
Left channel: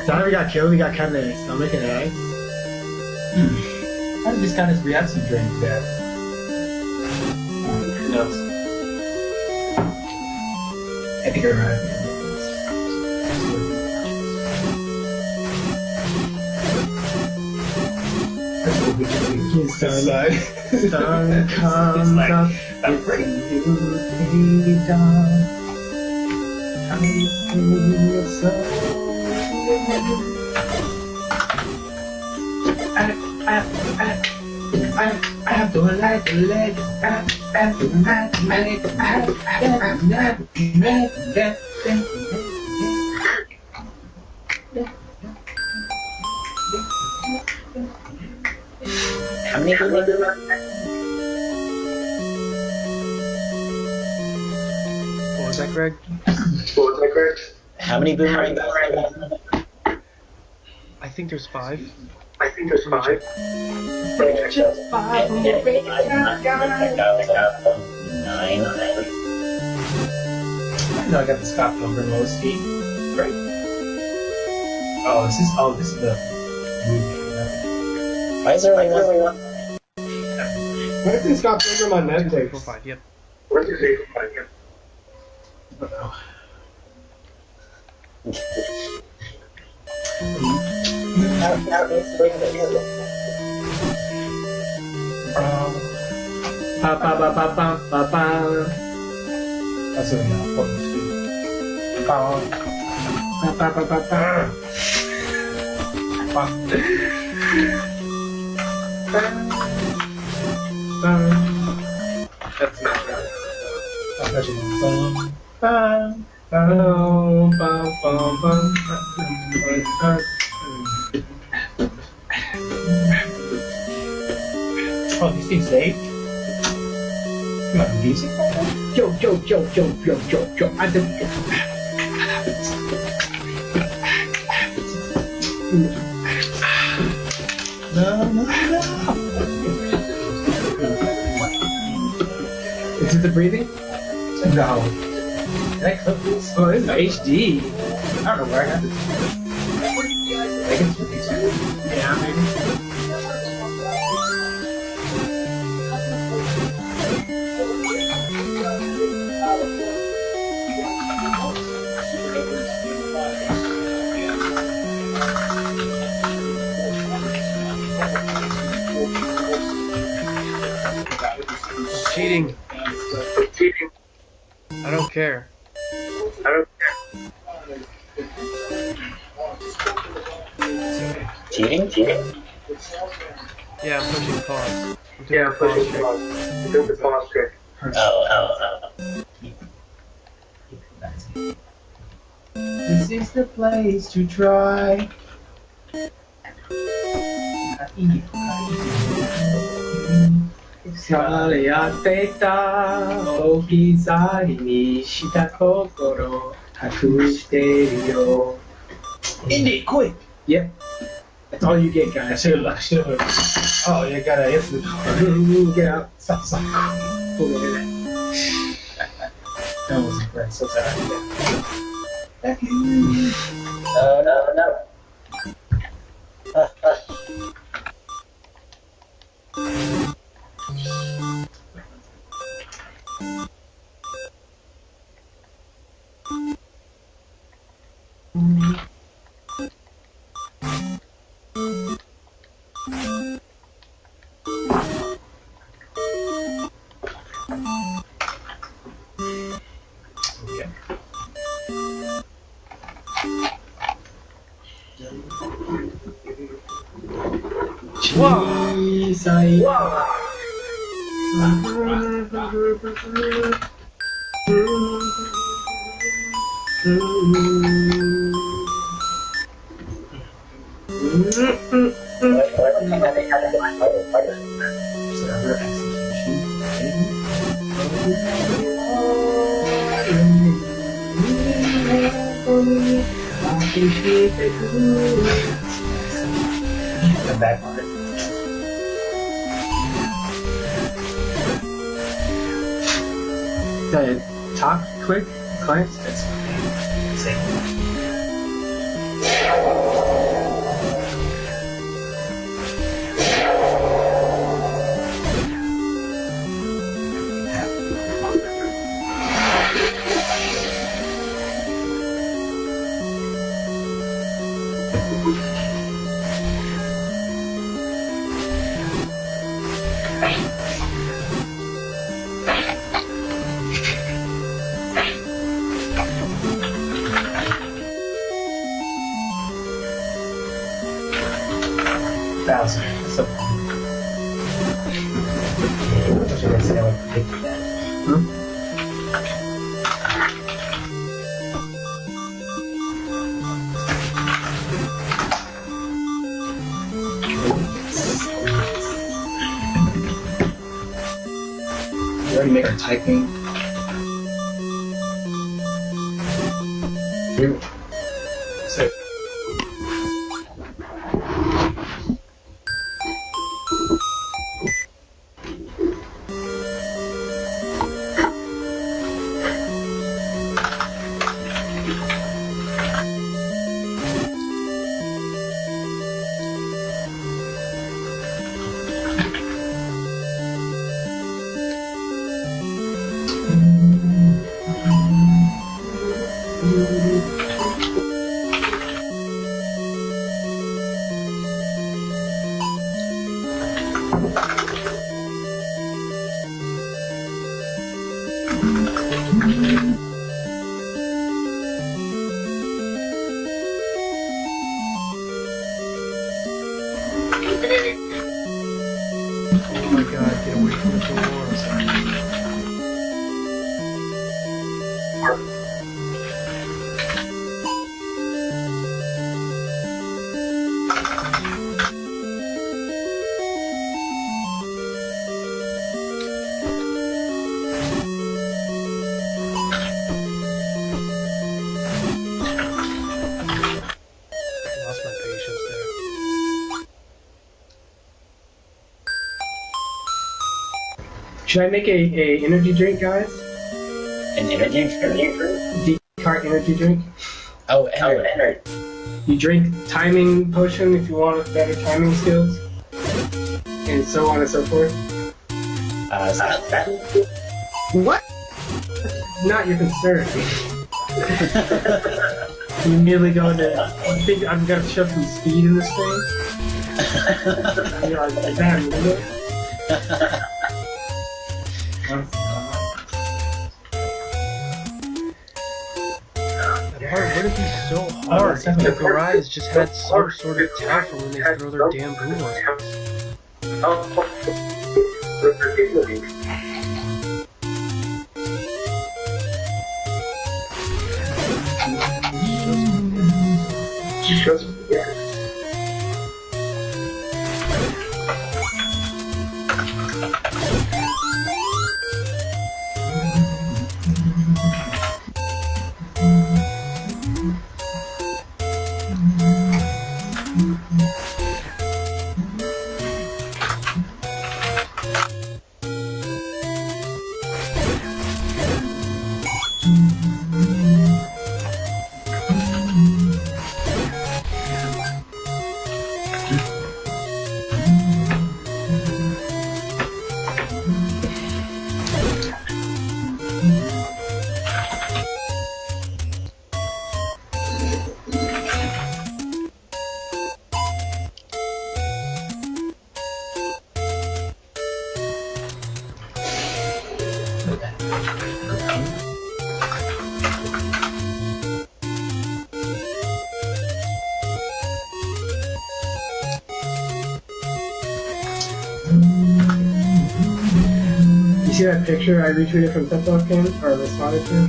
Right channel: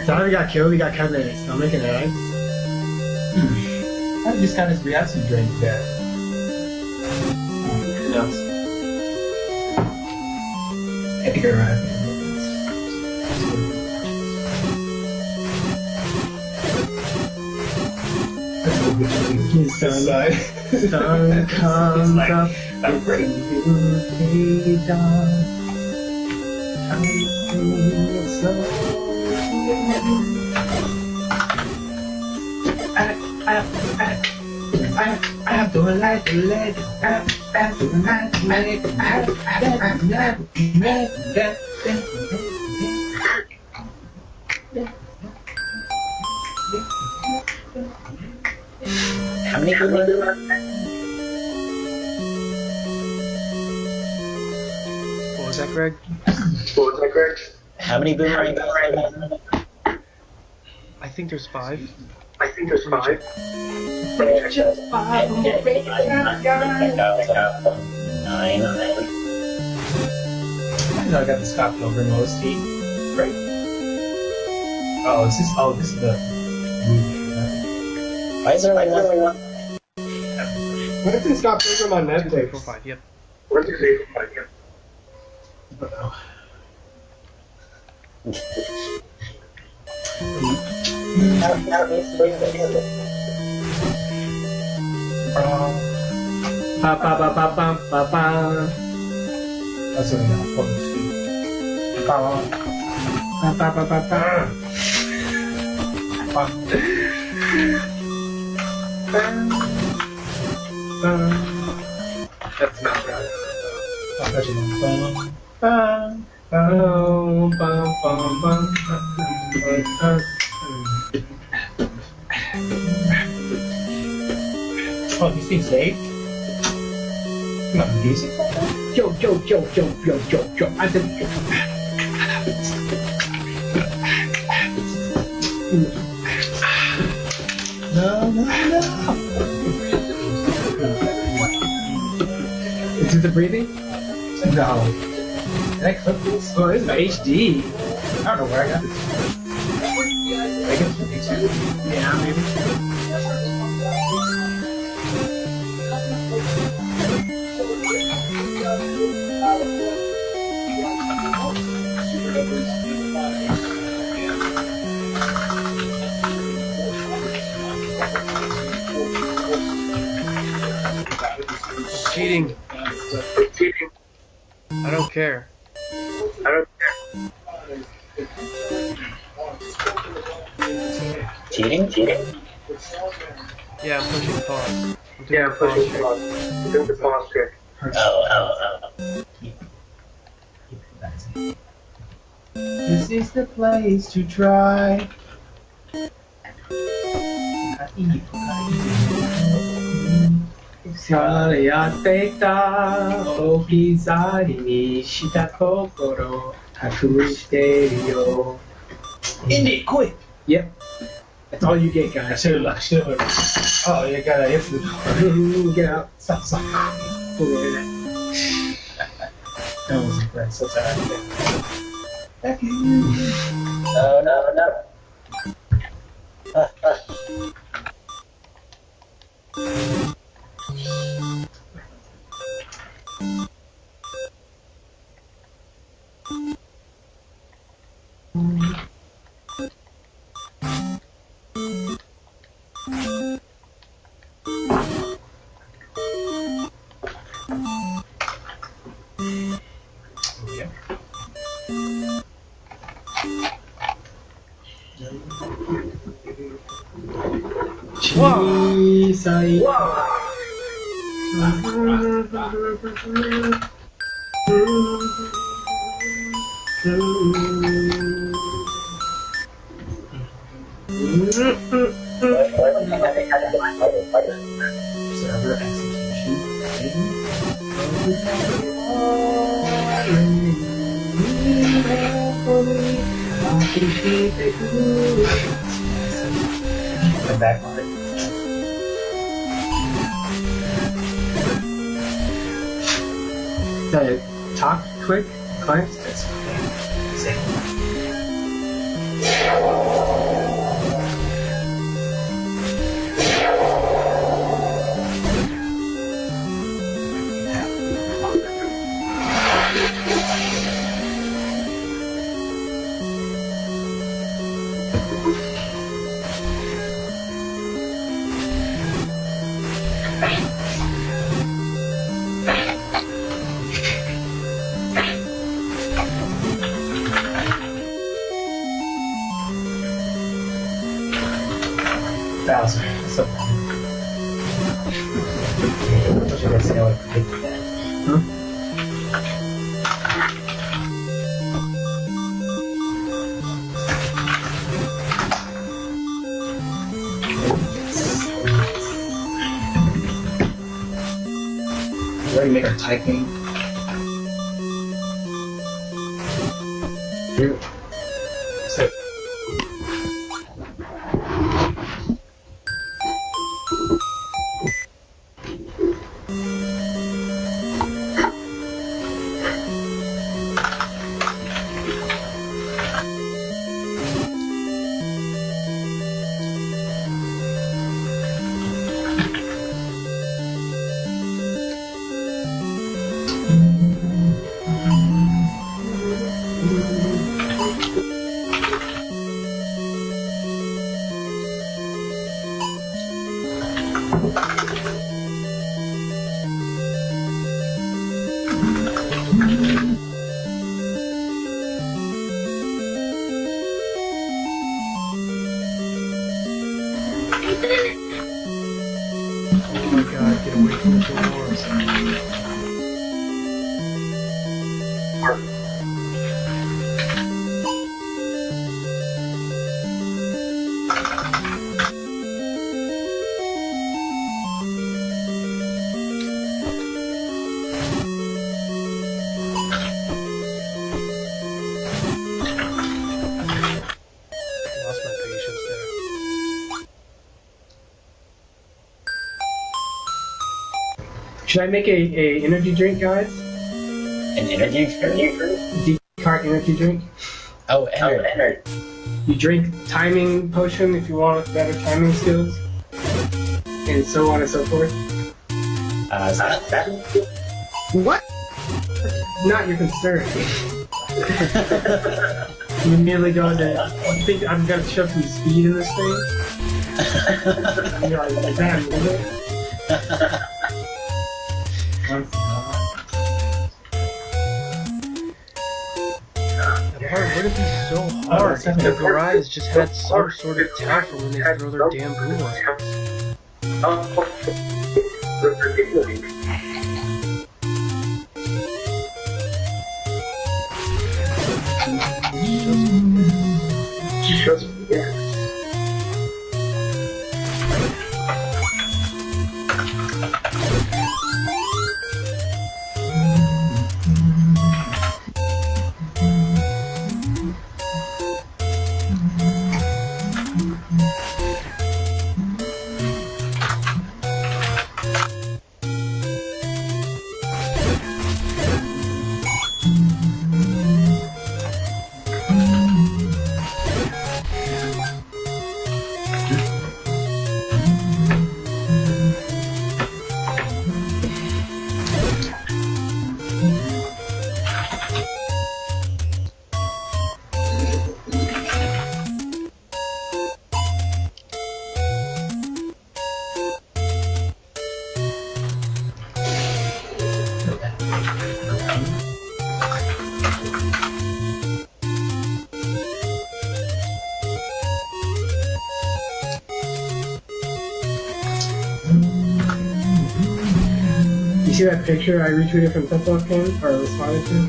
So after he got killed, he got kind of stomach and eyes. I just got his reaction drink there. No. I think I arrived. His sun comes like, up, I'm it's ready. a new day dawn. I feel so I don't like the leg. How many boomerangs? What was that, Greg? How many boomerangs? I think there's 5. Just five. Nine. I know I got the Scott Pilgrim OST. Great. This is the movie. Why is there only one? What if it's got Pilgrim on 1, 2, 3, 4, Netflix? 5. Yep. Ba ba ba ba ba ba ba. That's what we got. Ba ba ba ba ba. That's not right. Bum, bum, bum, bum. Oh, these things saved? You got music? Yo. I said. No. Is it the breathing? No. Can I clip this? Oh, this is HD. I don't know where I got this. I guess it's YouTube. Yeah, maybe. Cheating. I don't care. Cheating? Yeah, I'm pushing pause. I'm doing the pause trick. Oh. This is the place to try. Saleやってた置き去りにした心隠してるよ Indie, quick! Yep. That's all you get, guys. Should've. Oh, you gotta answer the door. Get out. Stop. Over there. That wasn't great, so sorry. Thank you. No. Whoa! 小さい server execution. The back part. The top quick clamps. Thousand. So. Should I say I would predict that? We already make our typing. So. Oh my god, get away from the door. Lost my patience there. Should I make a energy drink, guys? An energy drink? Decart energy drink. Oh, energy. You drink timing potion if you want better timing skills, and so on and so forth. What? Not your concern. You immediately go to, I think I'm gonna shove some speed in this thing. You're like, damn, is it? That part wouldn't be so hard if the Garai's just had some sort of tell for when they throw their damn boomerangs. You see that picture I retweeted from Teflon Ken, or responded to?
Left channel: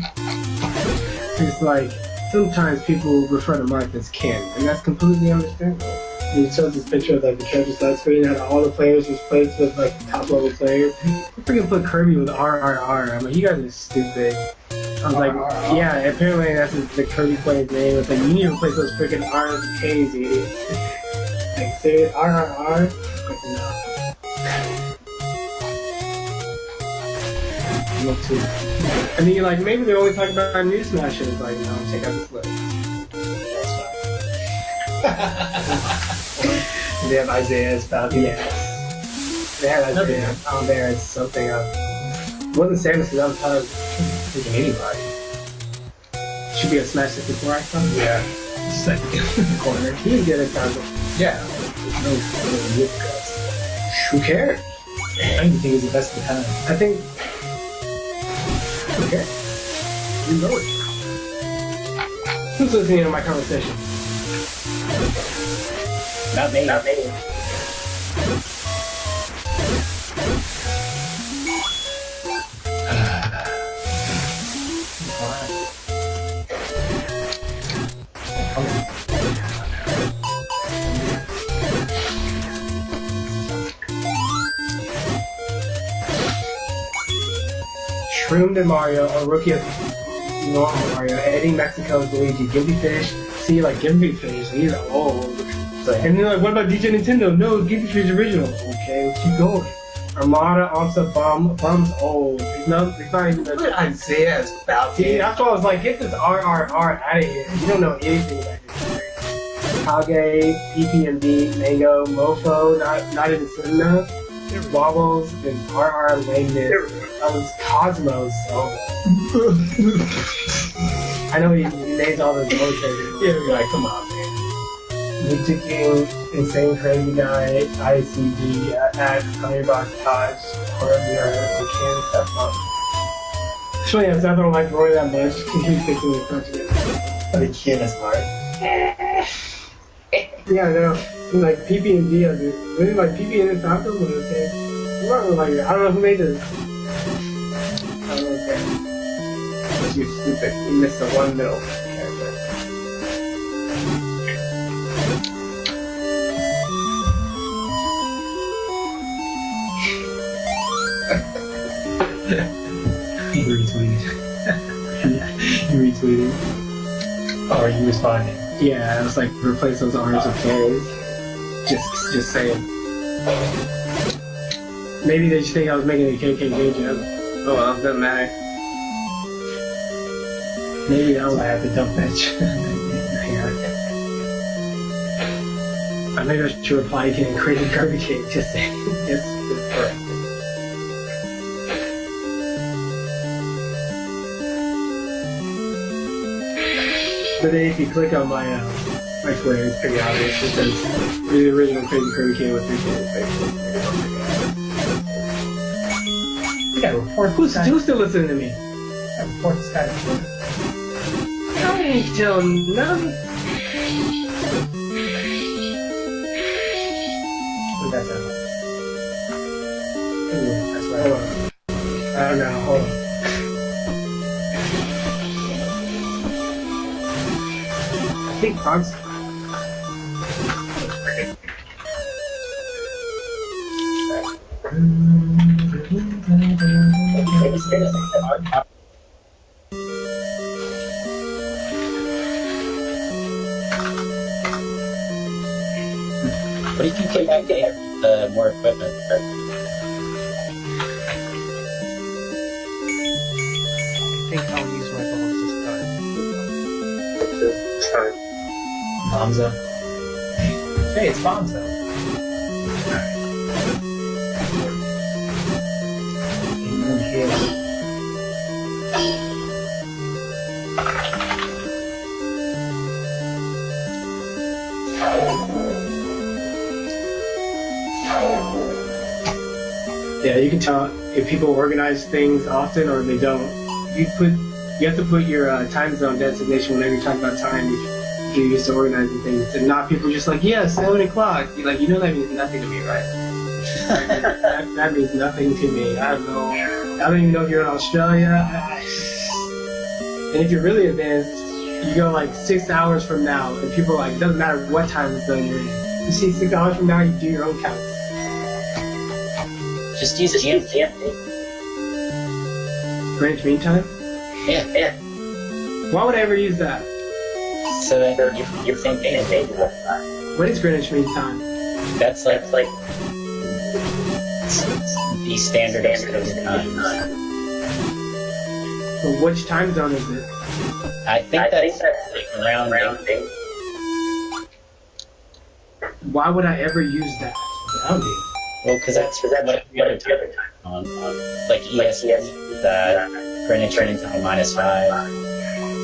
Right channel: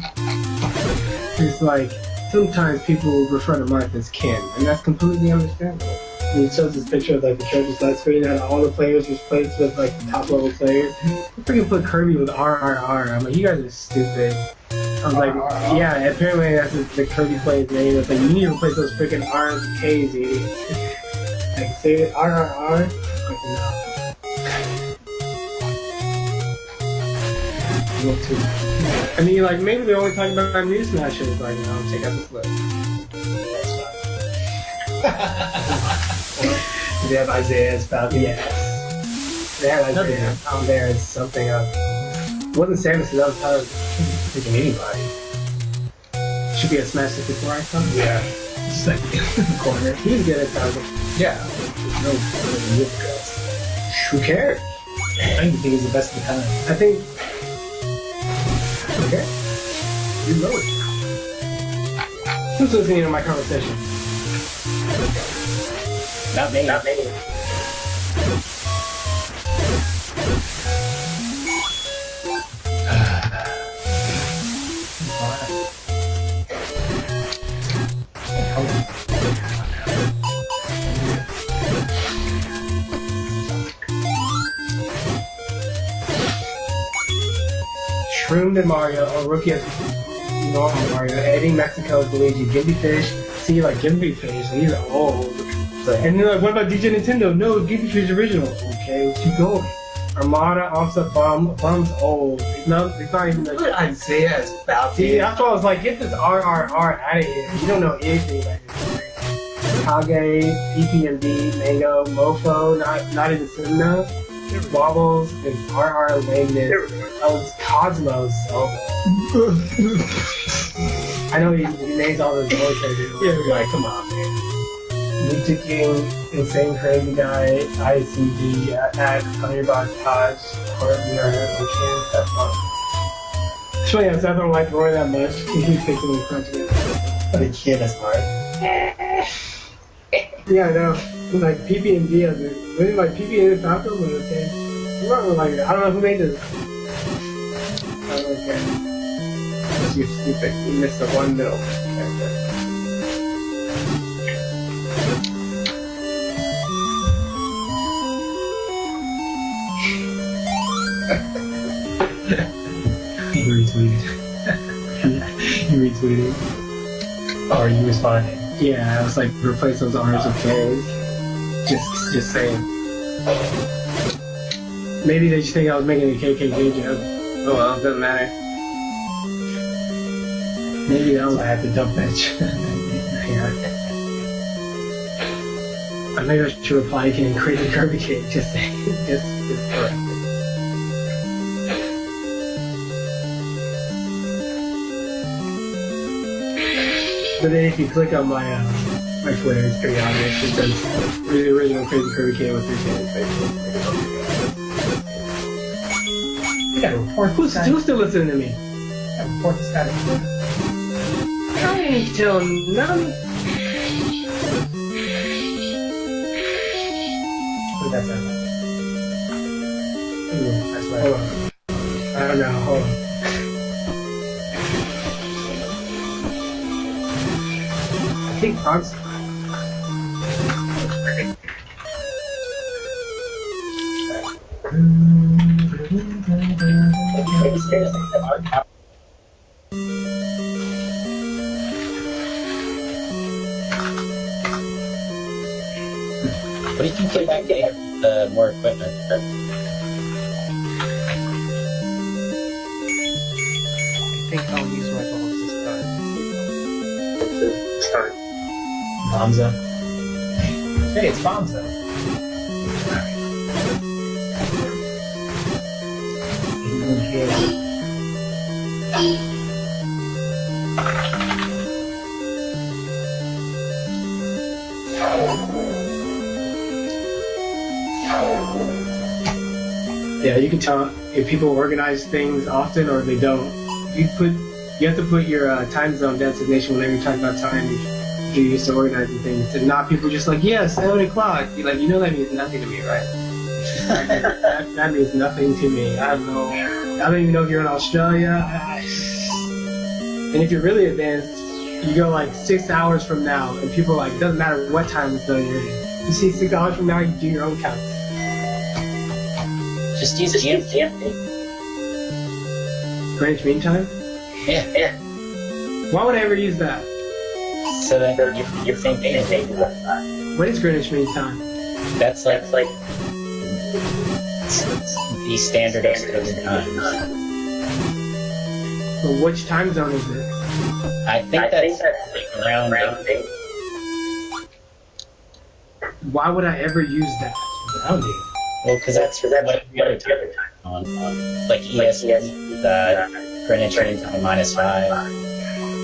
It's like, sometimes people refer to Marth as Ken, and that's completely understandable. And it shows this picture of like the treasure select screen, and all the players was placed with like the top level players. They freaking put Kirby with RRR. I'm like, you guys are stupid. I was like, yeah, apparently that's the Kirby player's name. It's like, you need to replace those freaking R's and K's, idiot. Like, say it, RRR? Like, no. And then you're like, maybe they're only talking about new smashes. Like, no, check out this list. They have Isaiah's Falcon. Yes. They had Isaiah on there as something else. It wasn't Samus because I was tired of picking anybody. Should be a Smash 64 icon. Yeah. Just like in the corner. He's good at Congo. Yeah. No whip guts. Who cares? I don't even think he's the best of the time. I think. Okay. You know it. Who's listening to my conversation? Not me. Not me. Shroomed and Mario, or Rookie as normal Mario, Eddie Mexico as Luigi, Gimpy Fish, see like Gimpy Fish, he's old. And then like, what about DJ Nintendo? No, Gimpy Fish original. Okay, let's keep going. Armada, Onsa, Bum's old. It's not even Look at Isaiah's Falcon. See, that's why I was like, get this RRR out of here. You don't know anything about this. Kage, PPMD, Mango, Mofo, not even soon enough. Wobbles and RR lameness. Cosmos. Oh. I know he names all those locations. Yeah, we're like, come on, man. Ninja King, Insane Crazy Guy, ICG, at Honeybox Taj, Corbin, and Ken Stepmom. Actually, I don't like Roy that much. He keeps fixing me punching it. But the kid is hard. Yeah, I know. Like PP&D, really like PP&D Falcon was okay. Like, I don't know who made this. I don't know, okay. You're stupid. You missed the one middle character. You retweeted. You retweeted. Or are you responding? Yeah, I was like, replace those R's with K's. Just saying. Maybe they just think I was making a KKJ joke. Oh well, doesn't matter. Maybe that was. I have to dump that. I think I should reply to Crazy Kirby Cake. Just saying. Just correct. But then if you click on my Twitter, it's pretty obvious. It says the original Crazy Kirby Cake with 3 kids. You gotta report Who's still listening to me? Report this guy. ain't tell none. What did that sound like? Ooh, that's right. Hold on. I don't know. Hold on. I think Fox. What do you think if I get more equipment? I think I'll use my bombs this time. Bonza. Hey, it's Bonza. Yeah, you can tell if people organize things often or they don't. You have to put your time zone designation whenever you talk about time. If you're used to organizing things, and not people just like, yeah, 7 o'clock. You're like, you know that means nothing to me, right? that means nothing to me. I don't even know if you're in Australia. And if you're really advanced, you go like 6 hours from now, and people are like, it doesn't matter what time zone you're in. You see 6 hours from now, you do your own counts. Just use GMT. Greenwich Mean Time? Yeah. Why would I ever use that? So that you're thinking. What is Greenwich Mean Time? That's like the standard Australian time. But which time zone is it? I think that's like around. Why would I ever use that? Around you. Well, because that's what other time on like EST, Greenwich Mean Time -5.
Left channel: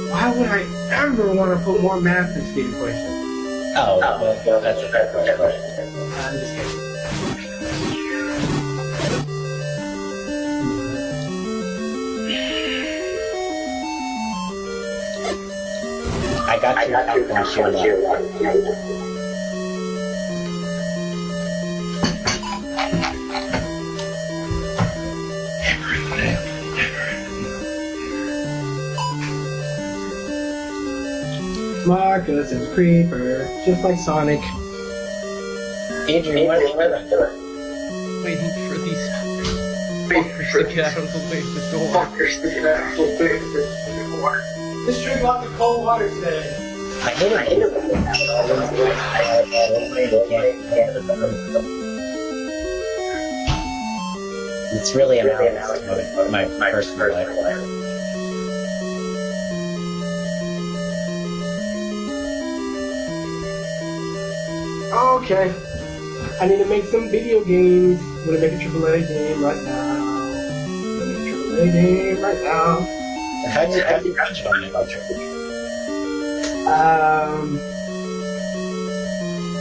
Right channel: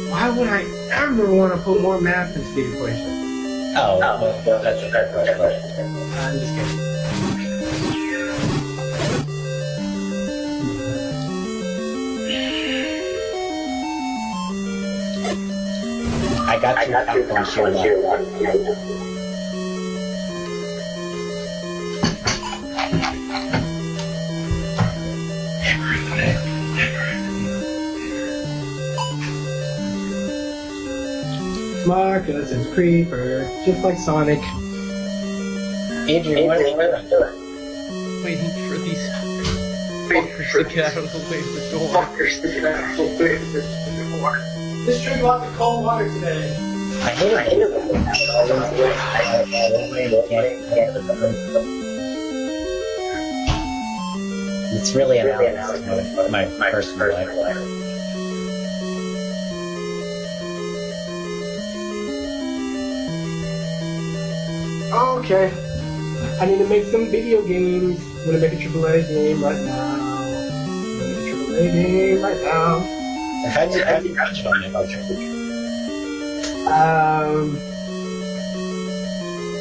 Why would I ever want to put more math into the equation? Oh, well, that's a fair question. I'm just kidding. I got you. Marcus and Creeper, just like Sonic. Adrian, what are you doing? Waiting for these fuckers to get out of the way of the door. Just drink lots of cold water today. I hate it. It's really an out my personal life. Okay. I need to make some video games. I'm gonna make a AAA game right now. How'd you touch on it?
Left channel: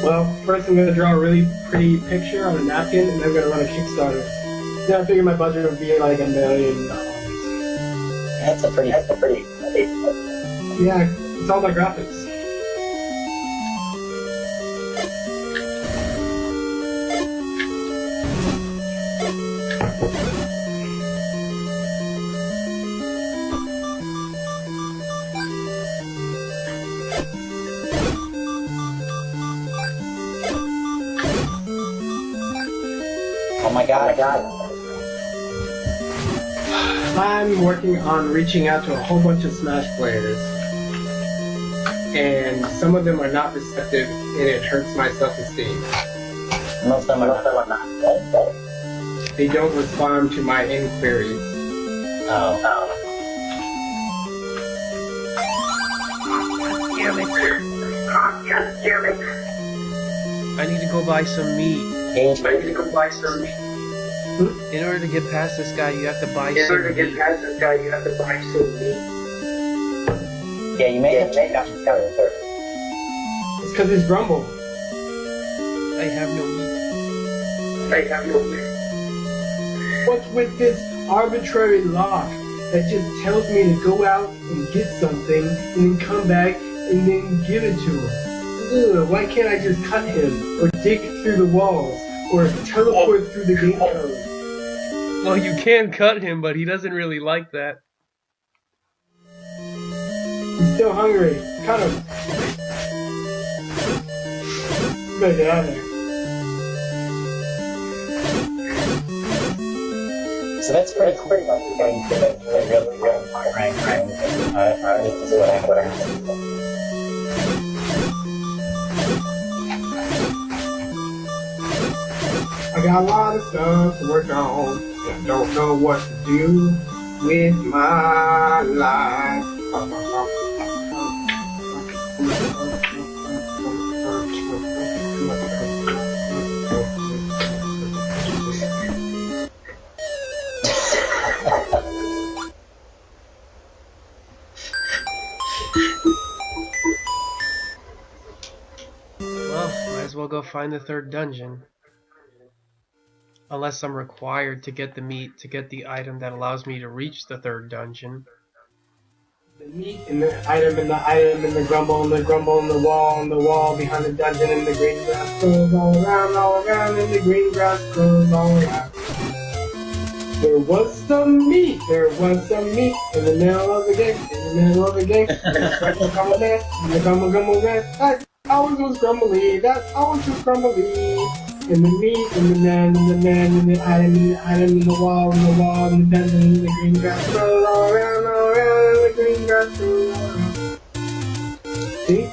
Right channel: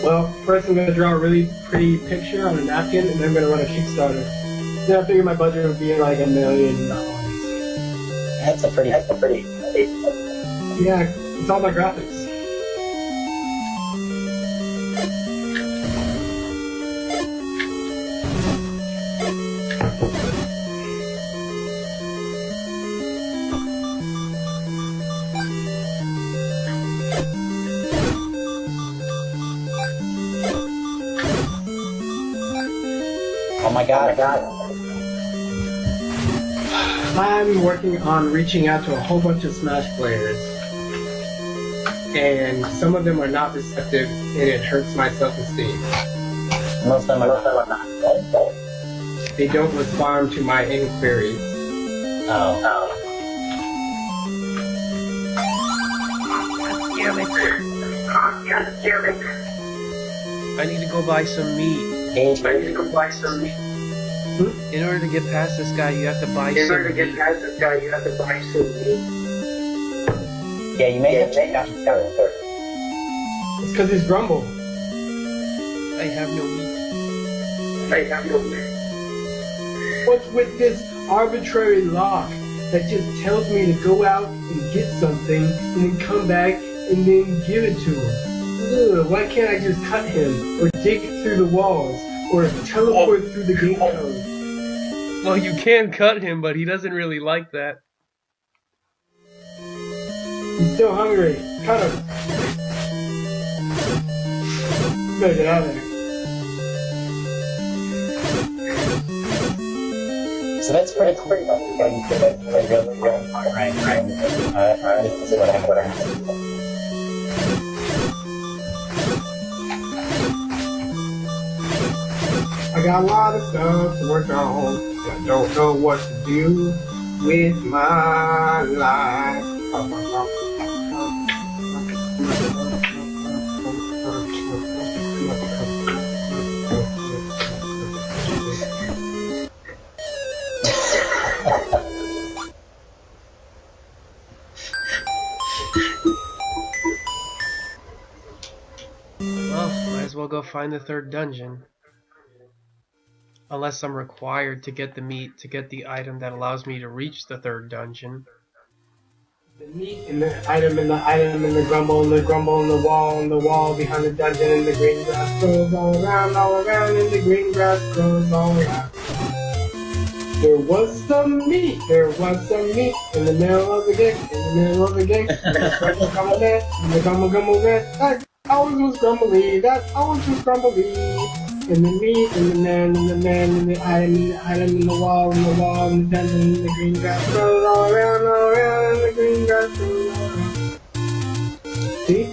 Well, first I'm gonna draw a really pretty picture on a napkin, and then I'm gonna run a Kickstarter. Then I figure my budget would be like $1 million. That's a pretty. Yeah, it's all my graphics. Oh my god. I'm working on reaching out to a whole bunch of Smash players, and some of them are not receptive, and it hurts my self-esteem. Most of them are not. They don't respond to my inquiries. Oh. I need to go buy some meat. In order to get past this guy, you have to buy some meat. Yeah, you may have to check out the server. It's because it's Grumble. I have no meat. What's with this arbitrary lock that just tells me to go out and get something and then come back and then give it to him. Ugh, why can't I just cut him or dig through the walls or teleport through the gate code? Well, you can cut him, but he doesn't really like that. He's still hungry. Cut him. You gotta get out of there. So that's pretty cool about getting to the real rank. This is what I'm learning. I got a lot of stuff to work on. I don't know what to do with my life. Well, might as well go find the third dungeon. Unless I'm required to get the meat to get the item that allows me to reach the third dungeon. The meat and the item and the item and the grumble and the grumble and the wall behind the dungeon and the green grass grows all around and the green grass grows all around. There was some meat in the middle of the game, grumble there, and the grumble there, that always was grumbly, and the meat, and the man, and the item, and the wall, and the dungeon, and the green grass grows all around, and the green grass grows all around. See?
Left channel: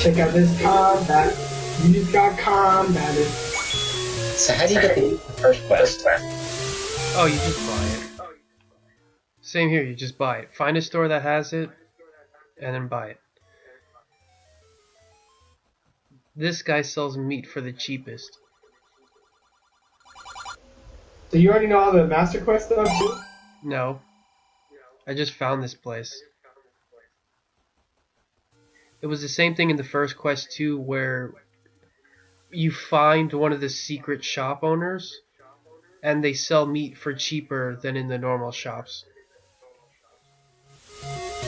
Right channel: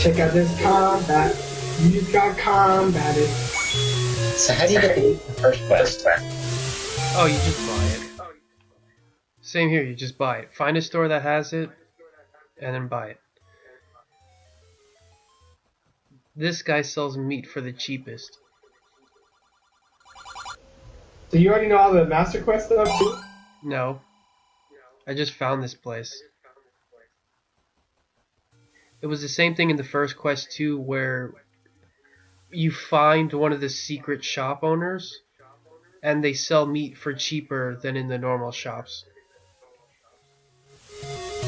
Check out this combat. You just got combated. So how do you get the first quest? Oh, you just buy it. Same here, you just buy it. Find a store that has it, and then buy it. This guy sells meat for the cheapest. So you already know all the master quest stuff too? No. I just found this place. It was the same thing in the first quest too, where you find one of the secret shop owners, and they sell meat for cheaper than in the normal shops.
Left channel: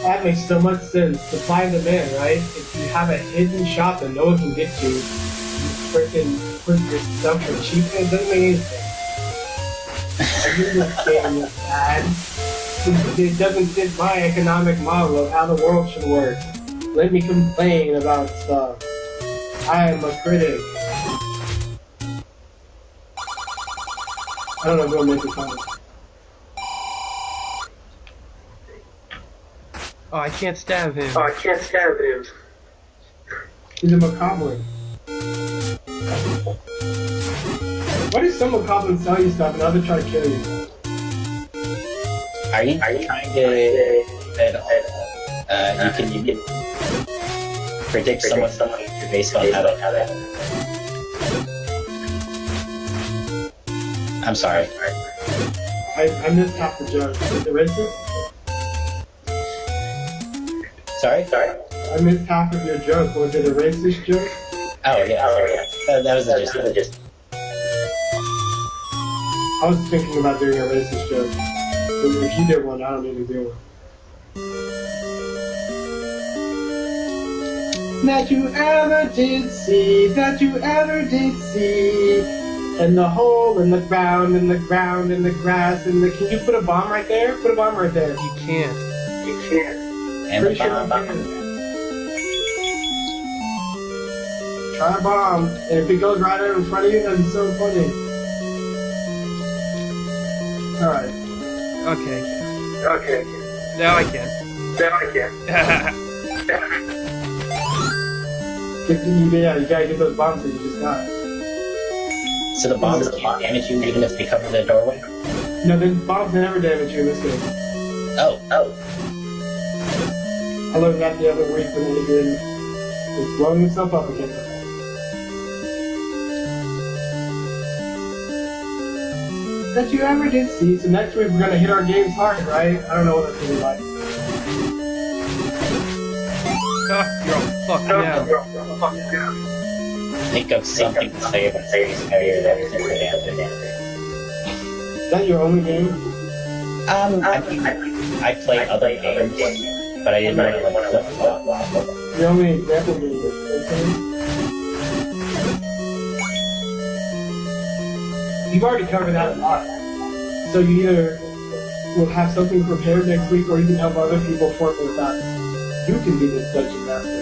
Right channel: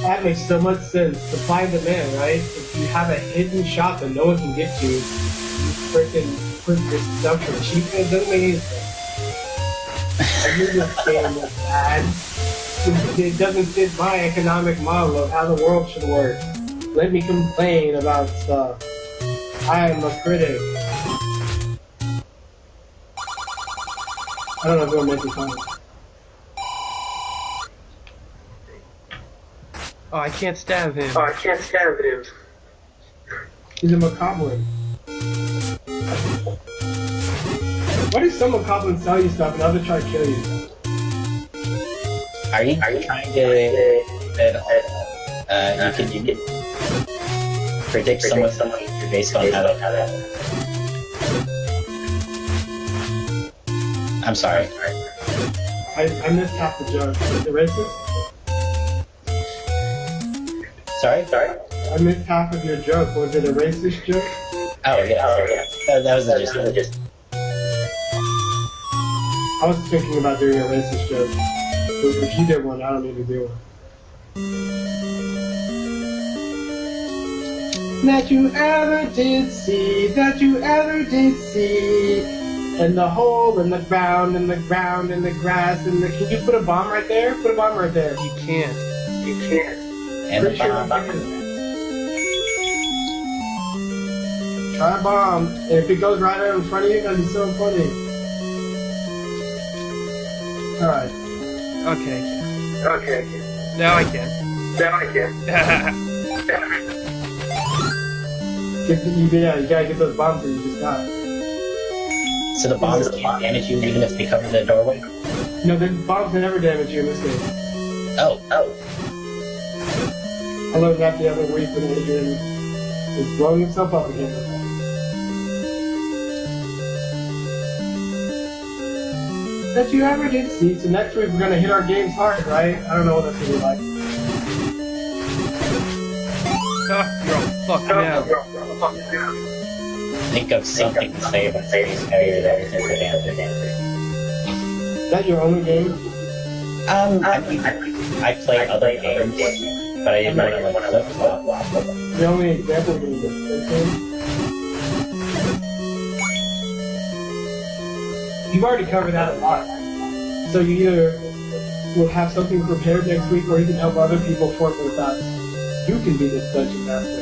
That makes so much sense. Supply and demand, right? If you have a hidden shop that no one can get to, you freaking put your stuff for cheap, and it doesn't make any sense. I knew this game was bad. It doesn't fit my economic model of how the world should work. Let me complain about stuff. I am a critic. I don't know if I'm making comments. Oh, I can't stab him. He's a macabre. Why does some macabre sell you stuff and others try to kill you? Are you trying to you can predict someone's future based on how they... I'm sorry. I missed half the joke. Is it racist? Sorry? I missed half of your joke. Was it a racist joke? Oh, yeah. That was the gist. I was thinking about doing a racist joke. But if you did one, I don't need to do one. That you ever did see, and the hole in the ground, and the ground, and the grass, and the... Can you put a bomb right there? Put a bomb right there. You can't. And Pretty sure you can. Try a bomb, and if it goes right out in front of you, that'd be so funny. Alright. Okay. Now I can. You gotta get those bombs that you just got. So the bombs can't damage you even if they cover the doorway? No, the bombs never damage you in this game. Oh. I learned that the other week when Adrian was blowing himself up again. That you ever did see. So next week we're gonna hit our games hard, right? I don't know what that's gonna be like. Ah, you're all fucked now. Think of something to say about Space Harrier that isn't pedantic. Is that your only game? I mean, I play other games, but I didn't want to like flip flop. The only example game is this game? You've already covered that a lot. So you either will have something prepared next week, or you can help other people form their thoughts. You can be this dungeon master.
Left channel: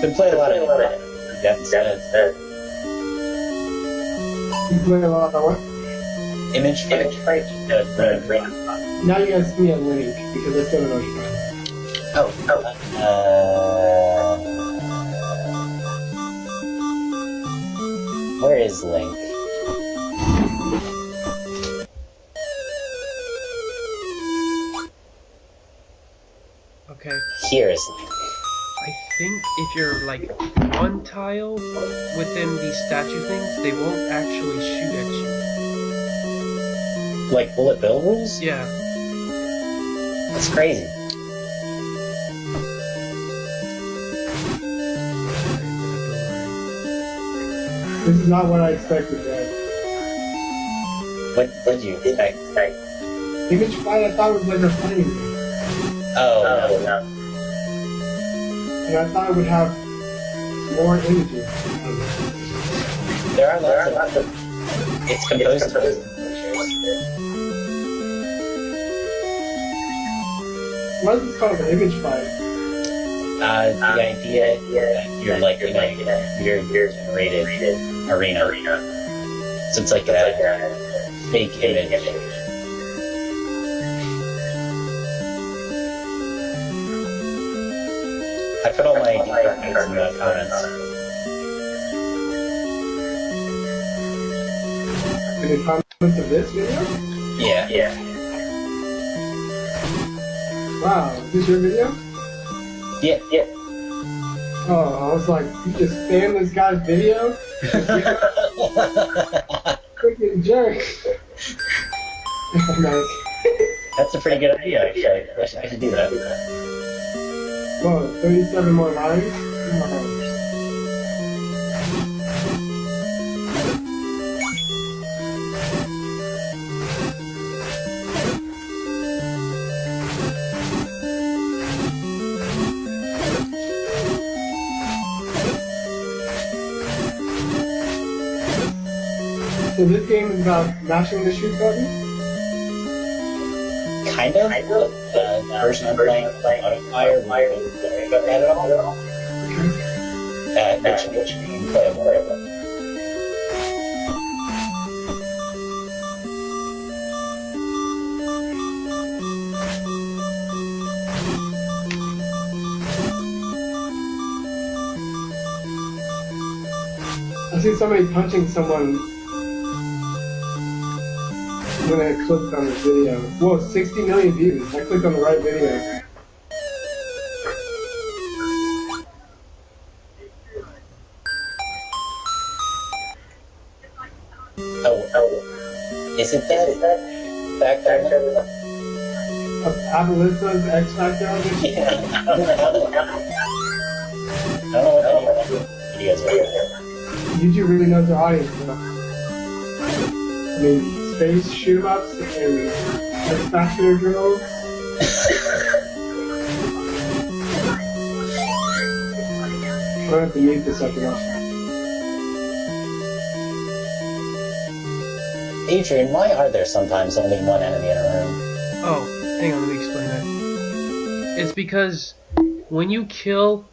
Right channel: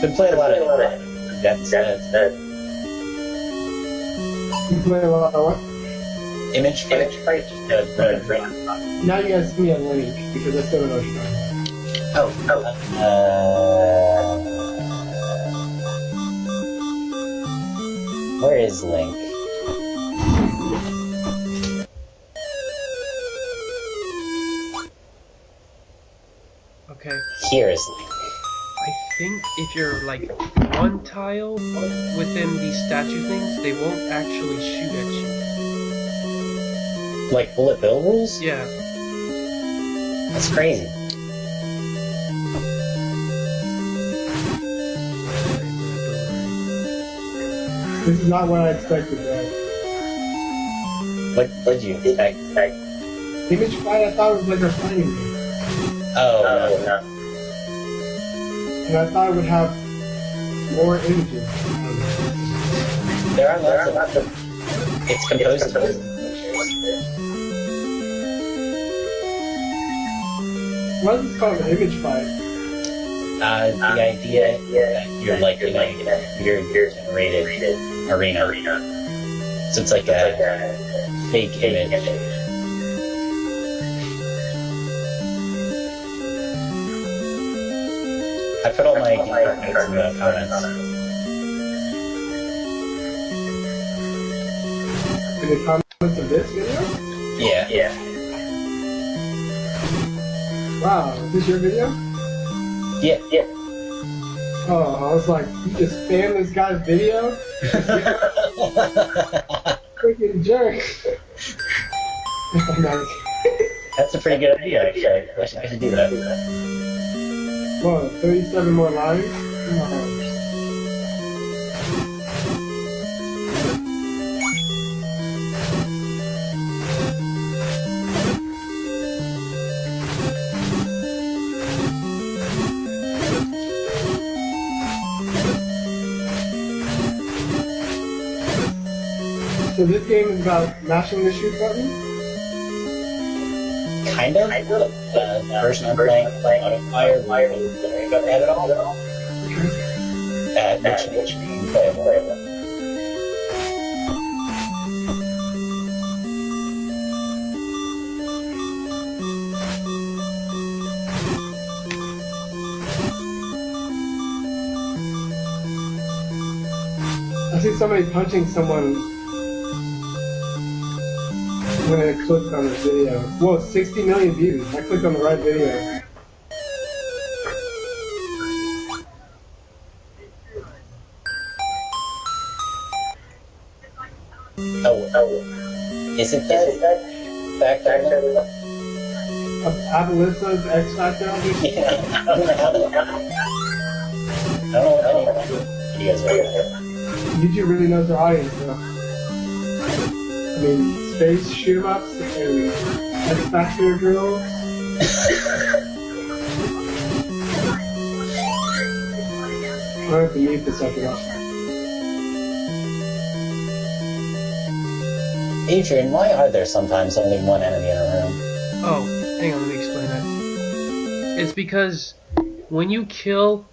Been playing a lot of depth sets. You play a lot of what? Image fight. Now you guys see me a link, because I still don't know what you're talking about. Where is Link? Okay. Here is Link. I think if you're like one tile within these statue things, they won't actually shoot at you. Like bullet bill rules? Yeah. That's crazy. This is not what I expected, man. What did you expect? Image fight I thought was like a flame. Oh, no. And I thought it would have more images. There are lots of... It's composed of... Why is this called an image fight? The idea that you're like, you know, you're generated arena. So it's like a fake image. I put all my departments in the comments. In the comments of this video? Yeah. Wow, is this your video? Yeah. Oh, I was like, you just spam this guy's video? Freaking jerk. Nice. That's a pretty good idea, actually. I should do that. Whoa, 37 more lines? Come on. So this game is about mashing the shoot button? Kind of. The version I'm playing Modifier, but at all. Which being playable. I see somebody punching someone when I clicked on this video. Whoa, 60 million views. I clicked on the right video. Oh. Is it that Factor? Abelissa's X Factor audition? Yeah. I don't know what any videos are. YouTube really knows their audience, though. I mean, space shoot 'em ups and X Factor girls. I have to mute this after that. Adrian, why are there sometimes only one enemy in a room? Oh, hang on, let me explain that. It's because when you kill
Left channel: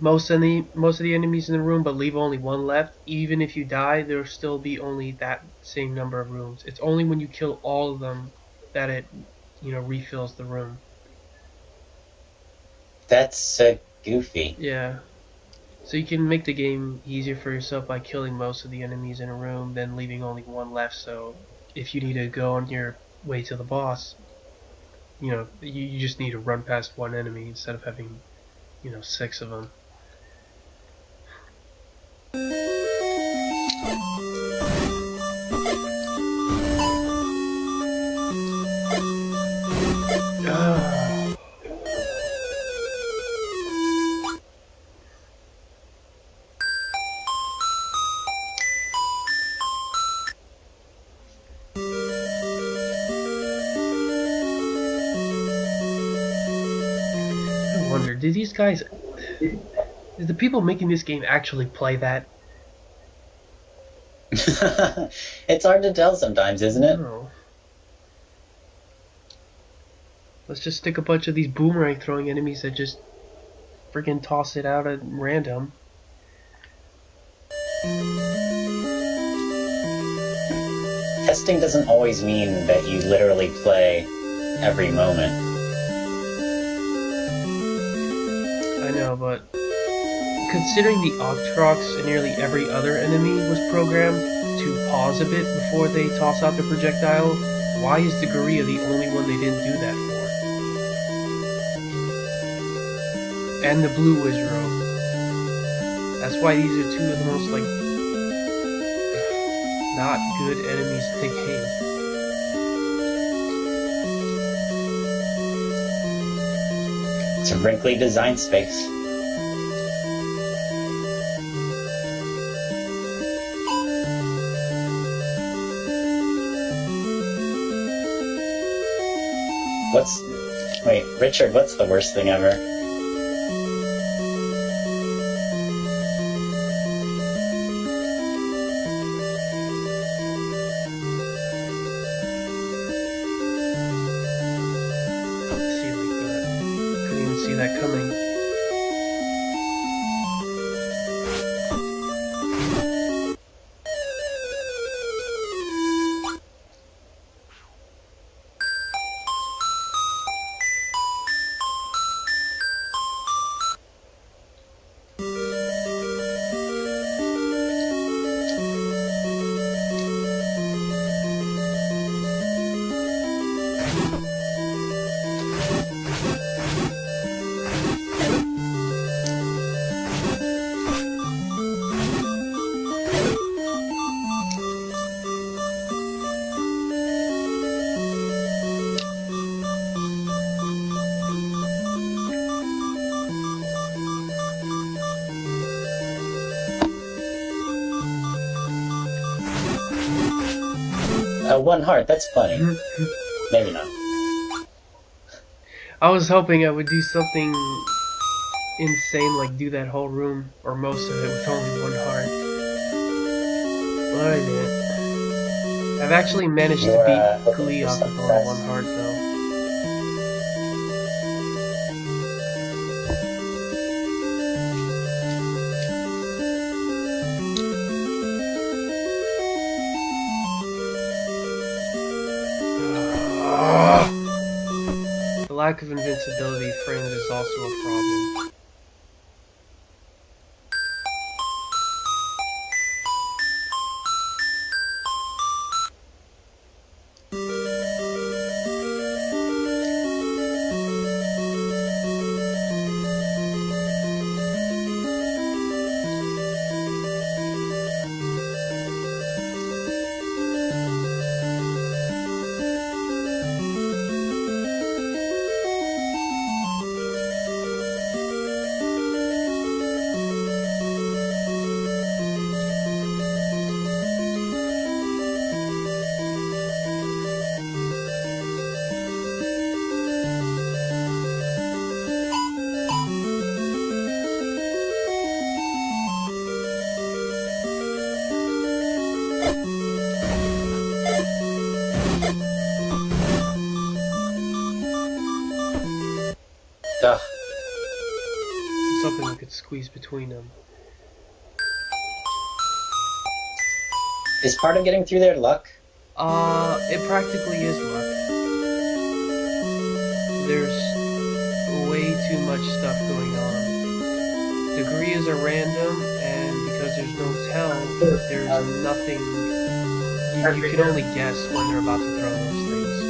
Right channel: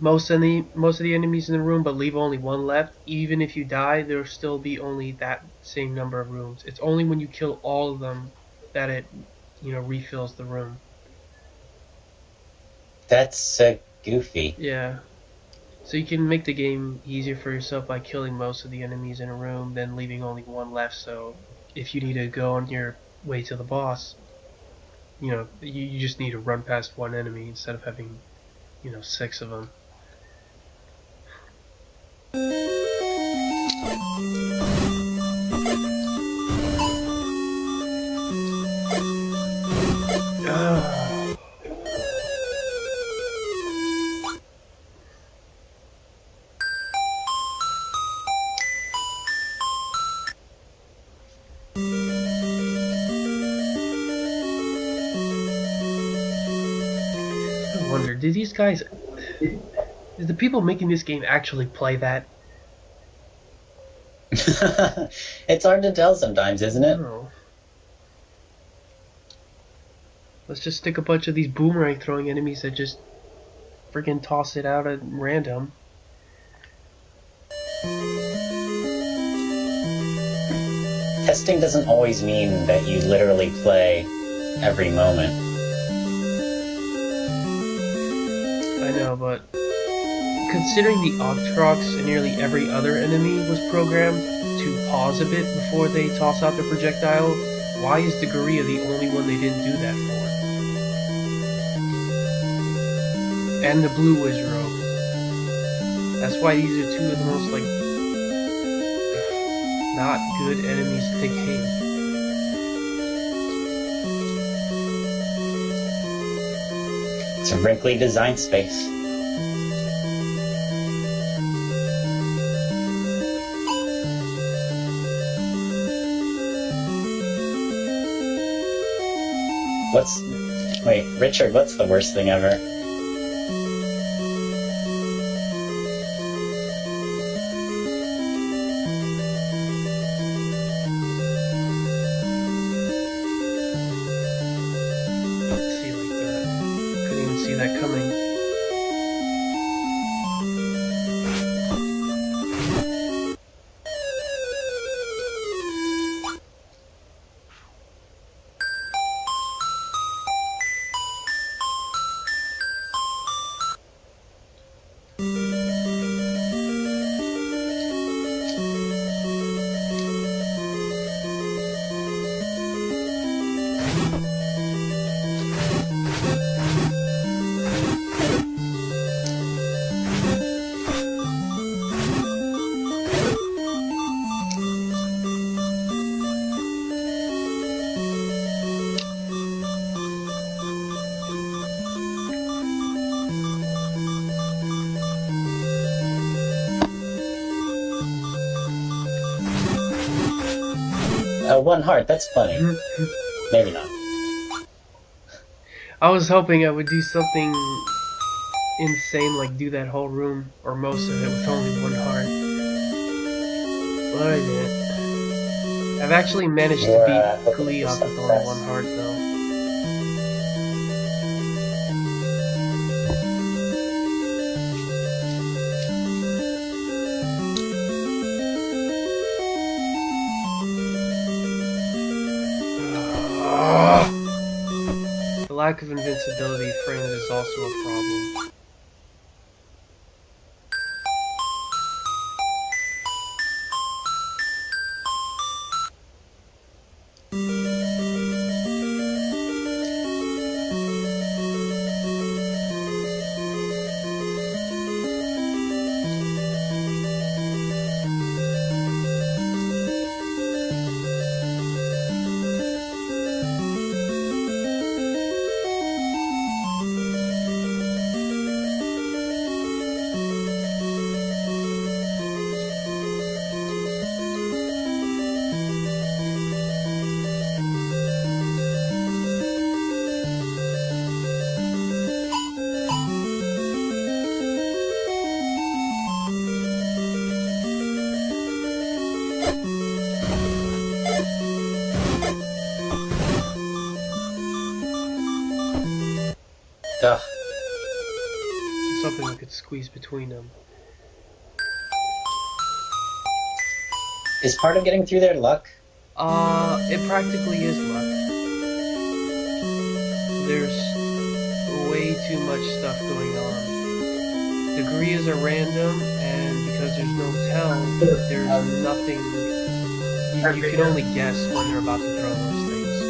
most of the enemies in the room but leave only one left, even if you die, there'll still be only that same number of rooms. It's only when you kill all of them that it, refills the room. That's goofy. Yeah. So you can make the game easier for yourself by killing most of the enemies in a room, then leaving only one left. So if you need to go on your way to the boss, you just need to run past one enemy instead of having, 6 of them. I wonder, did the people making this game actually play that? It's hard to tell sometimes, isn't it? No. Let's just stick a bunch of these boomerang throwing enemies that just freaking toss it out at random. Testing doesn't always mean that you literally play every moment. I know, but considering the Octrox and nearly every other enemy was programmed to pause a bit before they toss out the projectile, why is the Gorilla the only one they didn't do that for? And the Blue Wizro. That's why these are two of the most, not good enemies in the game. It's a wrinkly design space. Wait, Richard, what's the worst thing ever? See like that. Couldn't even see that coming. One heart, that's funny. Maybe not. I was hoping I would do something insane, like do that whole room, or most of it, with only one heart. But I didn't. I've actually managed to beat Gleeok with only one heart, though. The lack of invincibility frames is also a problem. Ugh. Something we could squeeze between them. Is part of getting through there luck? It practically is luck. There's way too much stuff going on. degrees are random, and because there's no tell, there's nothing. You can only guess when they're about to throw those things.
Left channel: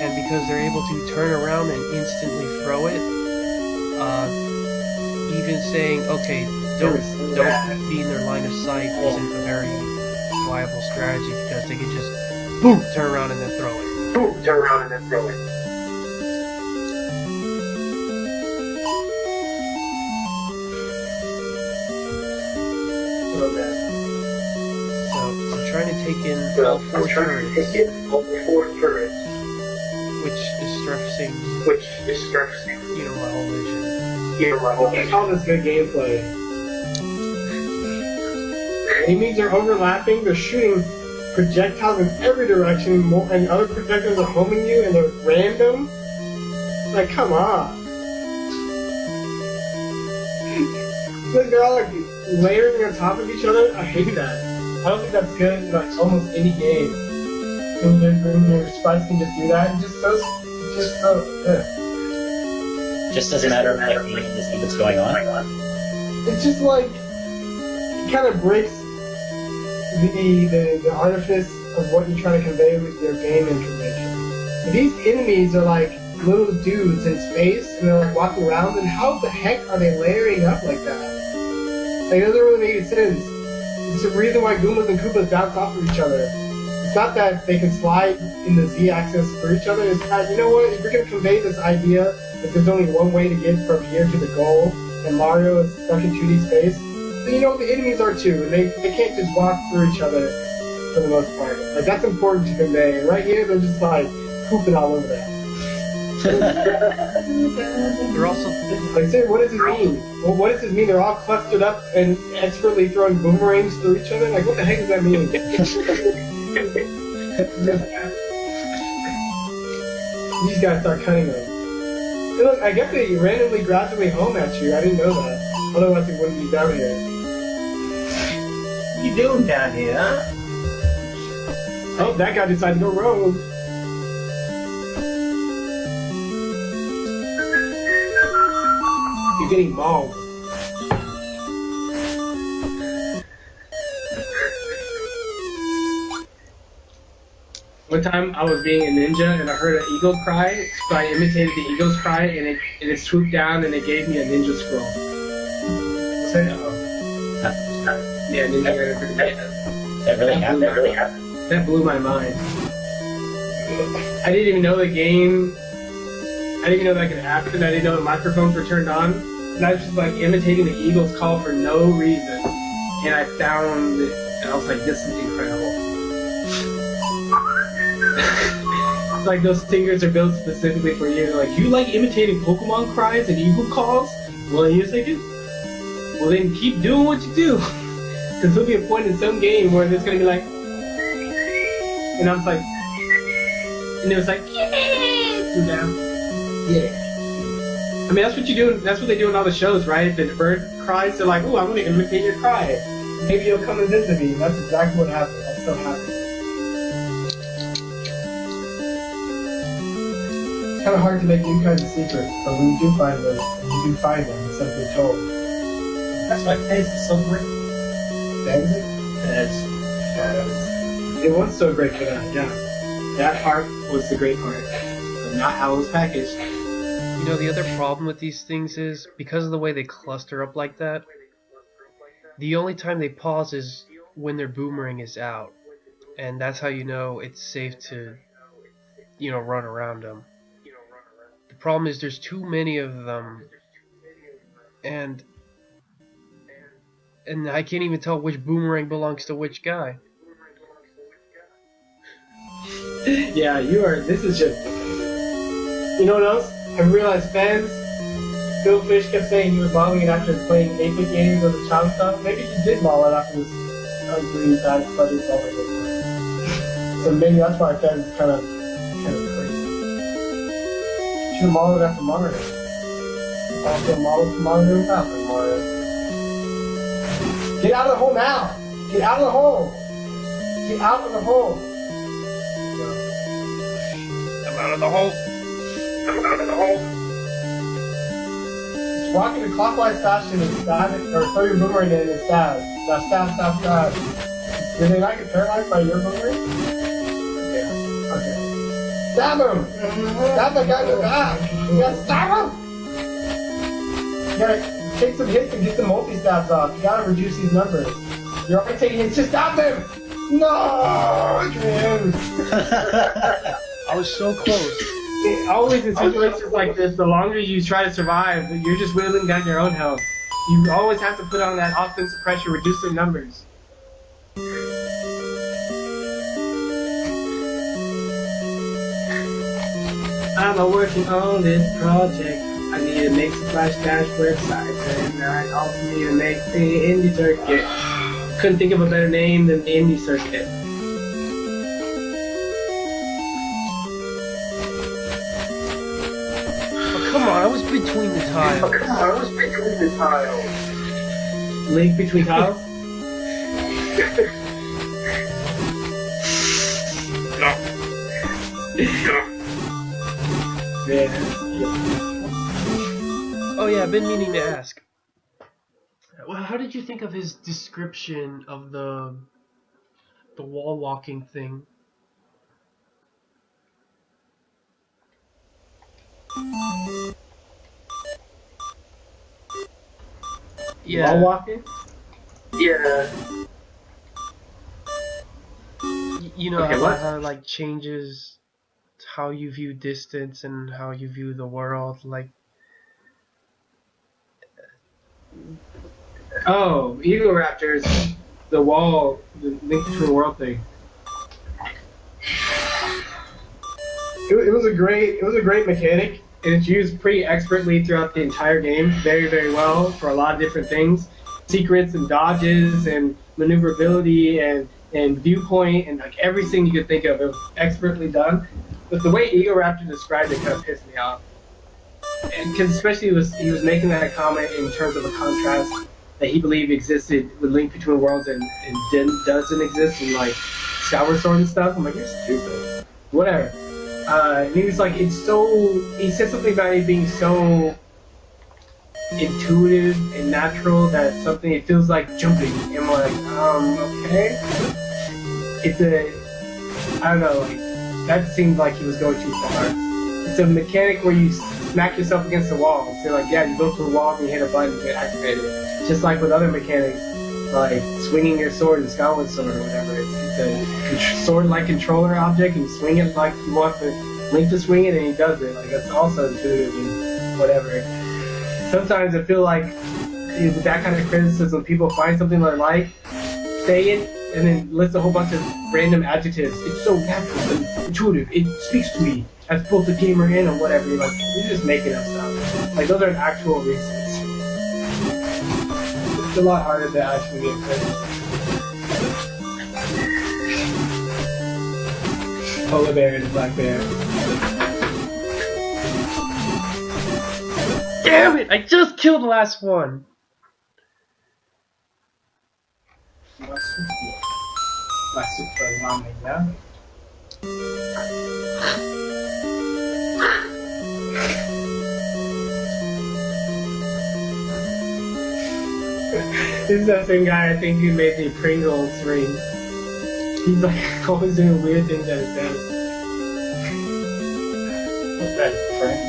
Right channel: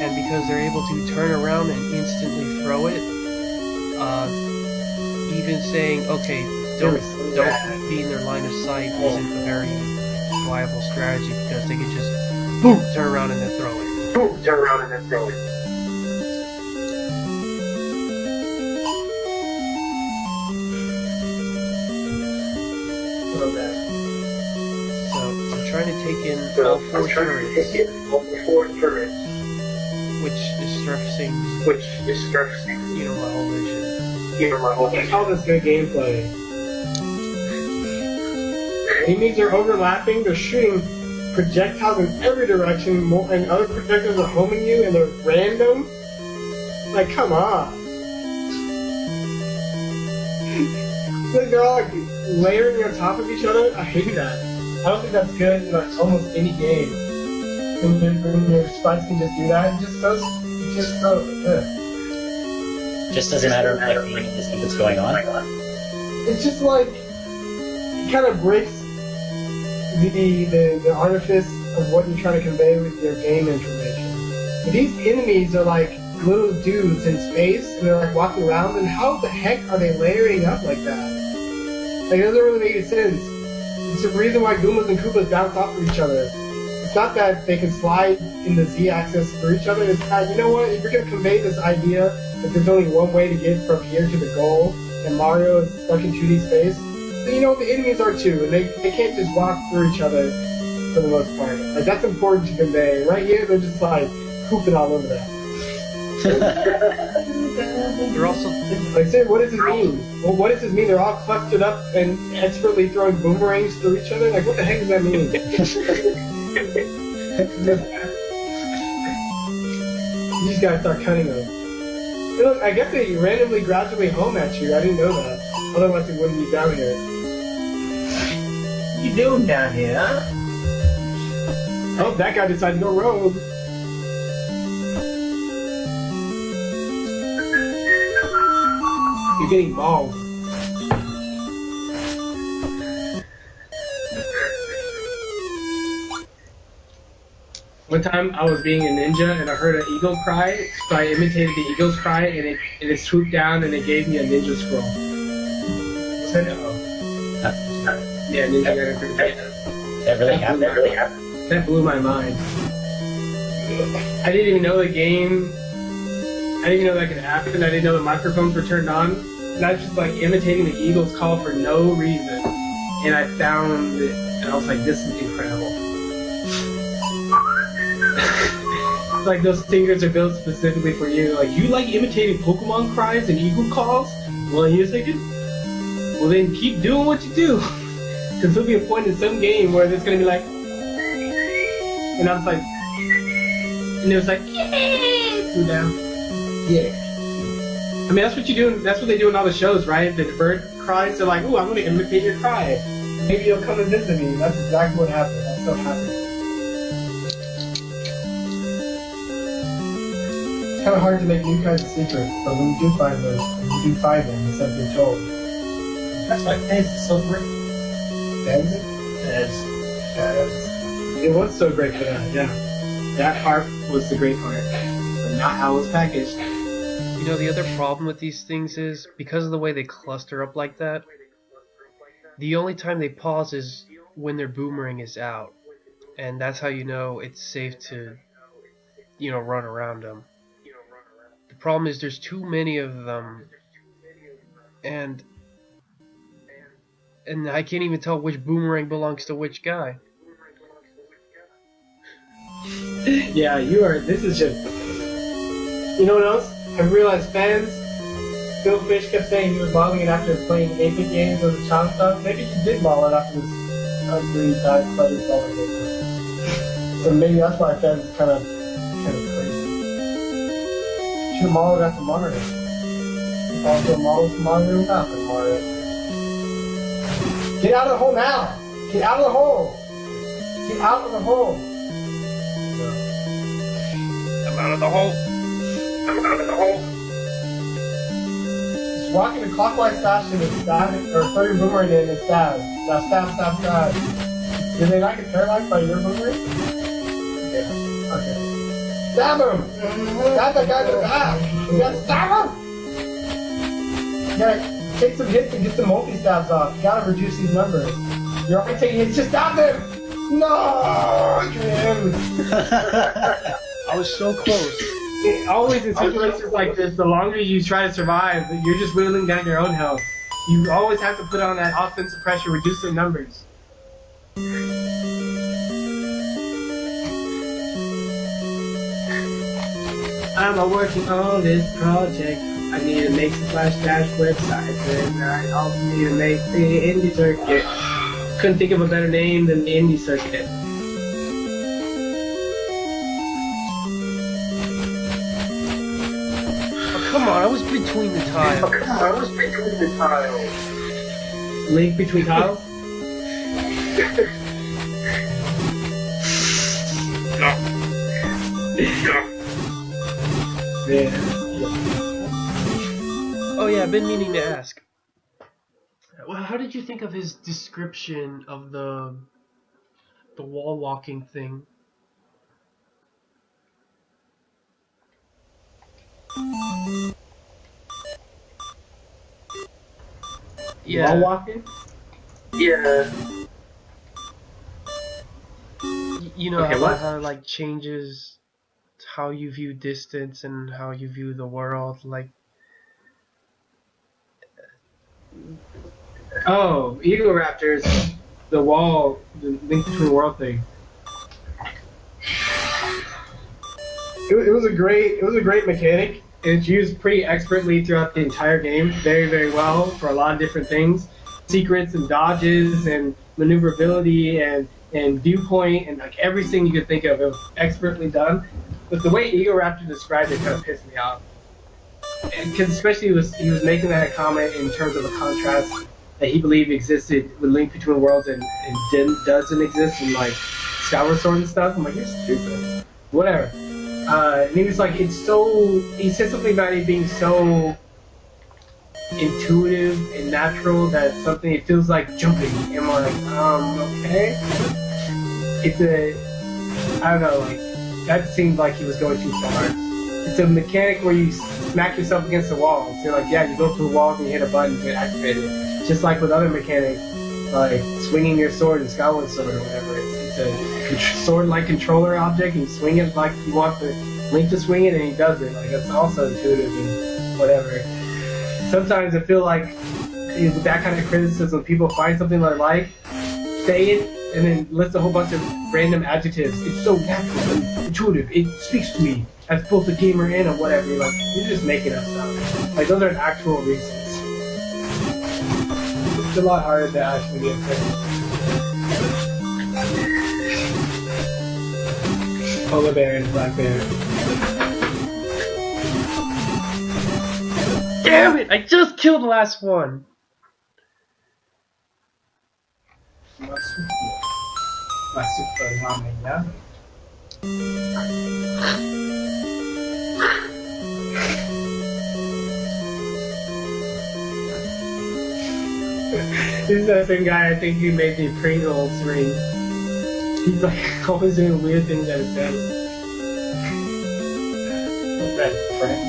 And because they're able to turn around and instantly throw it, even saying, okay, don't be in their line of sight isn't a very viable strategy because they can just boom, turn around and then throw it. So I'm trying to take in all four turrets, which is stressing, my whole vision. All this good gameplay. Enemies are overlapping, they're shooting projectiles in every direction, and other projectiles are homing you, and they're random. Like, come on. Like, they're all like layering on top of each other. I hate that. I don't think that's good in like almost any game. And your sprites can just do that, and just so. Just doesn't matter if you can see what's going on. It's just like it kind of breaks the artifice of what you're trying to convey with your game information. If these enemies are like little dudes in space and they're like walking around, then how the heck are they layering up like that? Like, it doesn't really make any sense. It's the reason why Goombas and Koopas bounce off of each other. It's not that they can slide in the Z-axis through each other. It's that, you know what, if you're going to convey this idea that there's only one way to get from here to the goal, and Mario is stuck in 2D space, then you know what the enemies are too, and they can't just walk through each other for the most part. Like, that's important to convey. And right here, they're just like pooping all over that. They're also Like, say, what does this mean? Well, what does this mean? They're all clustered up and expertly throwing boomerangs through each other? Like, what the heck does that mean? These guys start cutting them. Hey, look, I guess they randomly gradually home at you. I didn't know that. Otherwise, they wouldn't be down here. What you doing down here, huh? Oh, that guy decided to go rogue. You're getting mauled. One time I was being a ninja and I heard an eagle cry, so I imitated the eagle's cry and it swooped down and it gave me a ninja scroll. Yeah, ninja got That really happened. That blew my mind. I didn't even know the game. I didn't even know that could happen. I didn't know the microphones were turned on. And I was just like imitating the eagle's call for no reason. And I found it, and I was like, this is incredible. It's like those singers are built specifically for you. Like, you like imitating Pokemon cries and eagle calls? Well, here's thinking, well then keep doing what you do. Because there'll be a point in some game where it's going to be like, and I was like, and it was like, yeah, down. Yeah. I mean, that's what you do. That's what they do in all the shows, right? The bird cries. They're like, "Ooh, I'm going to imitate your cry. Maybe you'll come and visit me." And that's exactly what happened. I'm so happy. It's kind of hard to make new kinds of secrets, but when you do find them, instead of being told. That's why Fez is so great. Fez? Fez. It was so great for that, yeah. That part was the great part, but not how it was packaged. You know, the other problem with these things is, because of the way they cluster up like that, the only time they pause is when their boomerang is out. And that's how you know it's safe to, run around them. The problem is there's too many of them, and I can't even tell which boomerang belongs to which guy. Yeah, this is just... You know what else? I realized fans, Phil Fish kept saying he was modeling it after playing 8-bit games as a child and stuff. Maybe he did model it after this ugly, bad, study stuff like this. So maybe that's why fans kind of crazy. Should have modeled it after Mario. Also model some Mario after Mario. Get out of the hole now! Get out of the hole! Get out of the hole! I'm out of the hole! I'm out of the hole! Just walk in a clockwise fashion and stab it, or throw your boomerang in and stab. Now stab. Did they not get paralyzed by your boomerang? Okay. Stab him! Stab that guy in the back! You gotta stab him! You gotta take some hits and get some multi-stabs off. You gotta reduce these numbers. You're already taking hits, just stab him! No, Adrian! I was so close. Always in situations like this, the longer you try to survive, you're just whittling down your own health. You always have to put on that offensive pressure, reduce the numbers. I'm working on this project. I need to make some Flash Dash websites, and I also need to make the indie circuit. Couldn't think of a better name than the indie circuit. Come on, I was between the tiles. Link between tiles? Yeah. Oh yeah, I've been meaning to ask. Well, how did you think of his description of the wall walking thing? Yeah. Wall walking? Yeah. You know Okay, how it like changes how you view distance and how you view the world, like. Oh, Eagle Raptors, the wall, the link between world thing. It was a great mechanic, and it's used pretty expertly throughout the entire game, very, very well for a lot of different things, secrets and dodges and maneuverability and viewpoint and like everything you could think of. It was expertly done, but the way Eagle Raptor described it kind of pissed me off, because especially he was making that comment in terms of a contrast that he believed existed with Link Between Worlds and doesn't exist in like Skyward Sword and stuff. I'm like, you're stupid. Whatever. And he was like, he said something about it being so intuitive and natural that it feels like jumping. And I'm like, okay. I don't know, like, that seemed like he was going too far. It's a mechanic where you smack yourself against the wall. So like, yeah, you go to the wall and you hit a button to activate it. Just like with other mechanics, like swinging your sword in Skyward Sword or whatever. It's a sword-like controller object, and you swing it like you want the Link to swing it, and he does it. Like, that's also intuitive and whatever. Sometimes I feel like with that kind of criticism, people find something they like, say it, and then list a whole bunch of random adjectives. It's so natural and intuitive. It speaks to me as both a gamer and a whatever. You're like, you're just making up stuff. Like, those aren't actual reasons. It's a lot harder to actually get credit. Polar bear and black bear. Damn it! I just killed the last one! Masuk ke namanya. This is that same guy, I think, who made the Pringles ring. He's like always doing weird things at his desk. What's that, friend?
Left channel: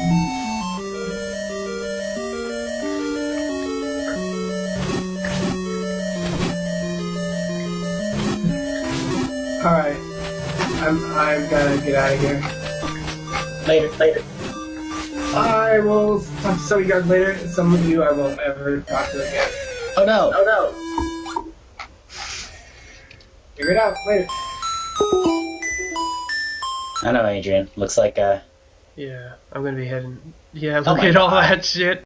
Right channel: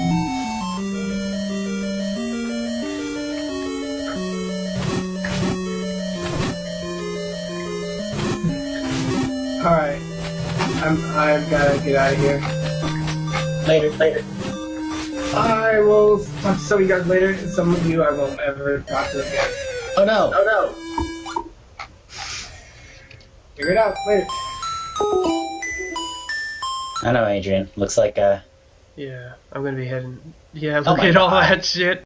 Alright. I'm gonna get out of here. Later. I will talk to some of you guys later. Some of you I won't ever talk to again. Oh no. Figure it out later. I know, Adrian. Looks like Yeah, I'm gonna be heading. Yeah, look my at all God. that shit.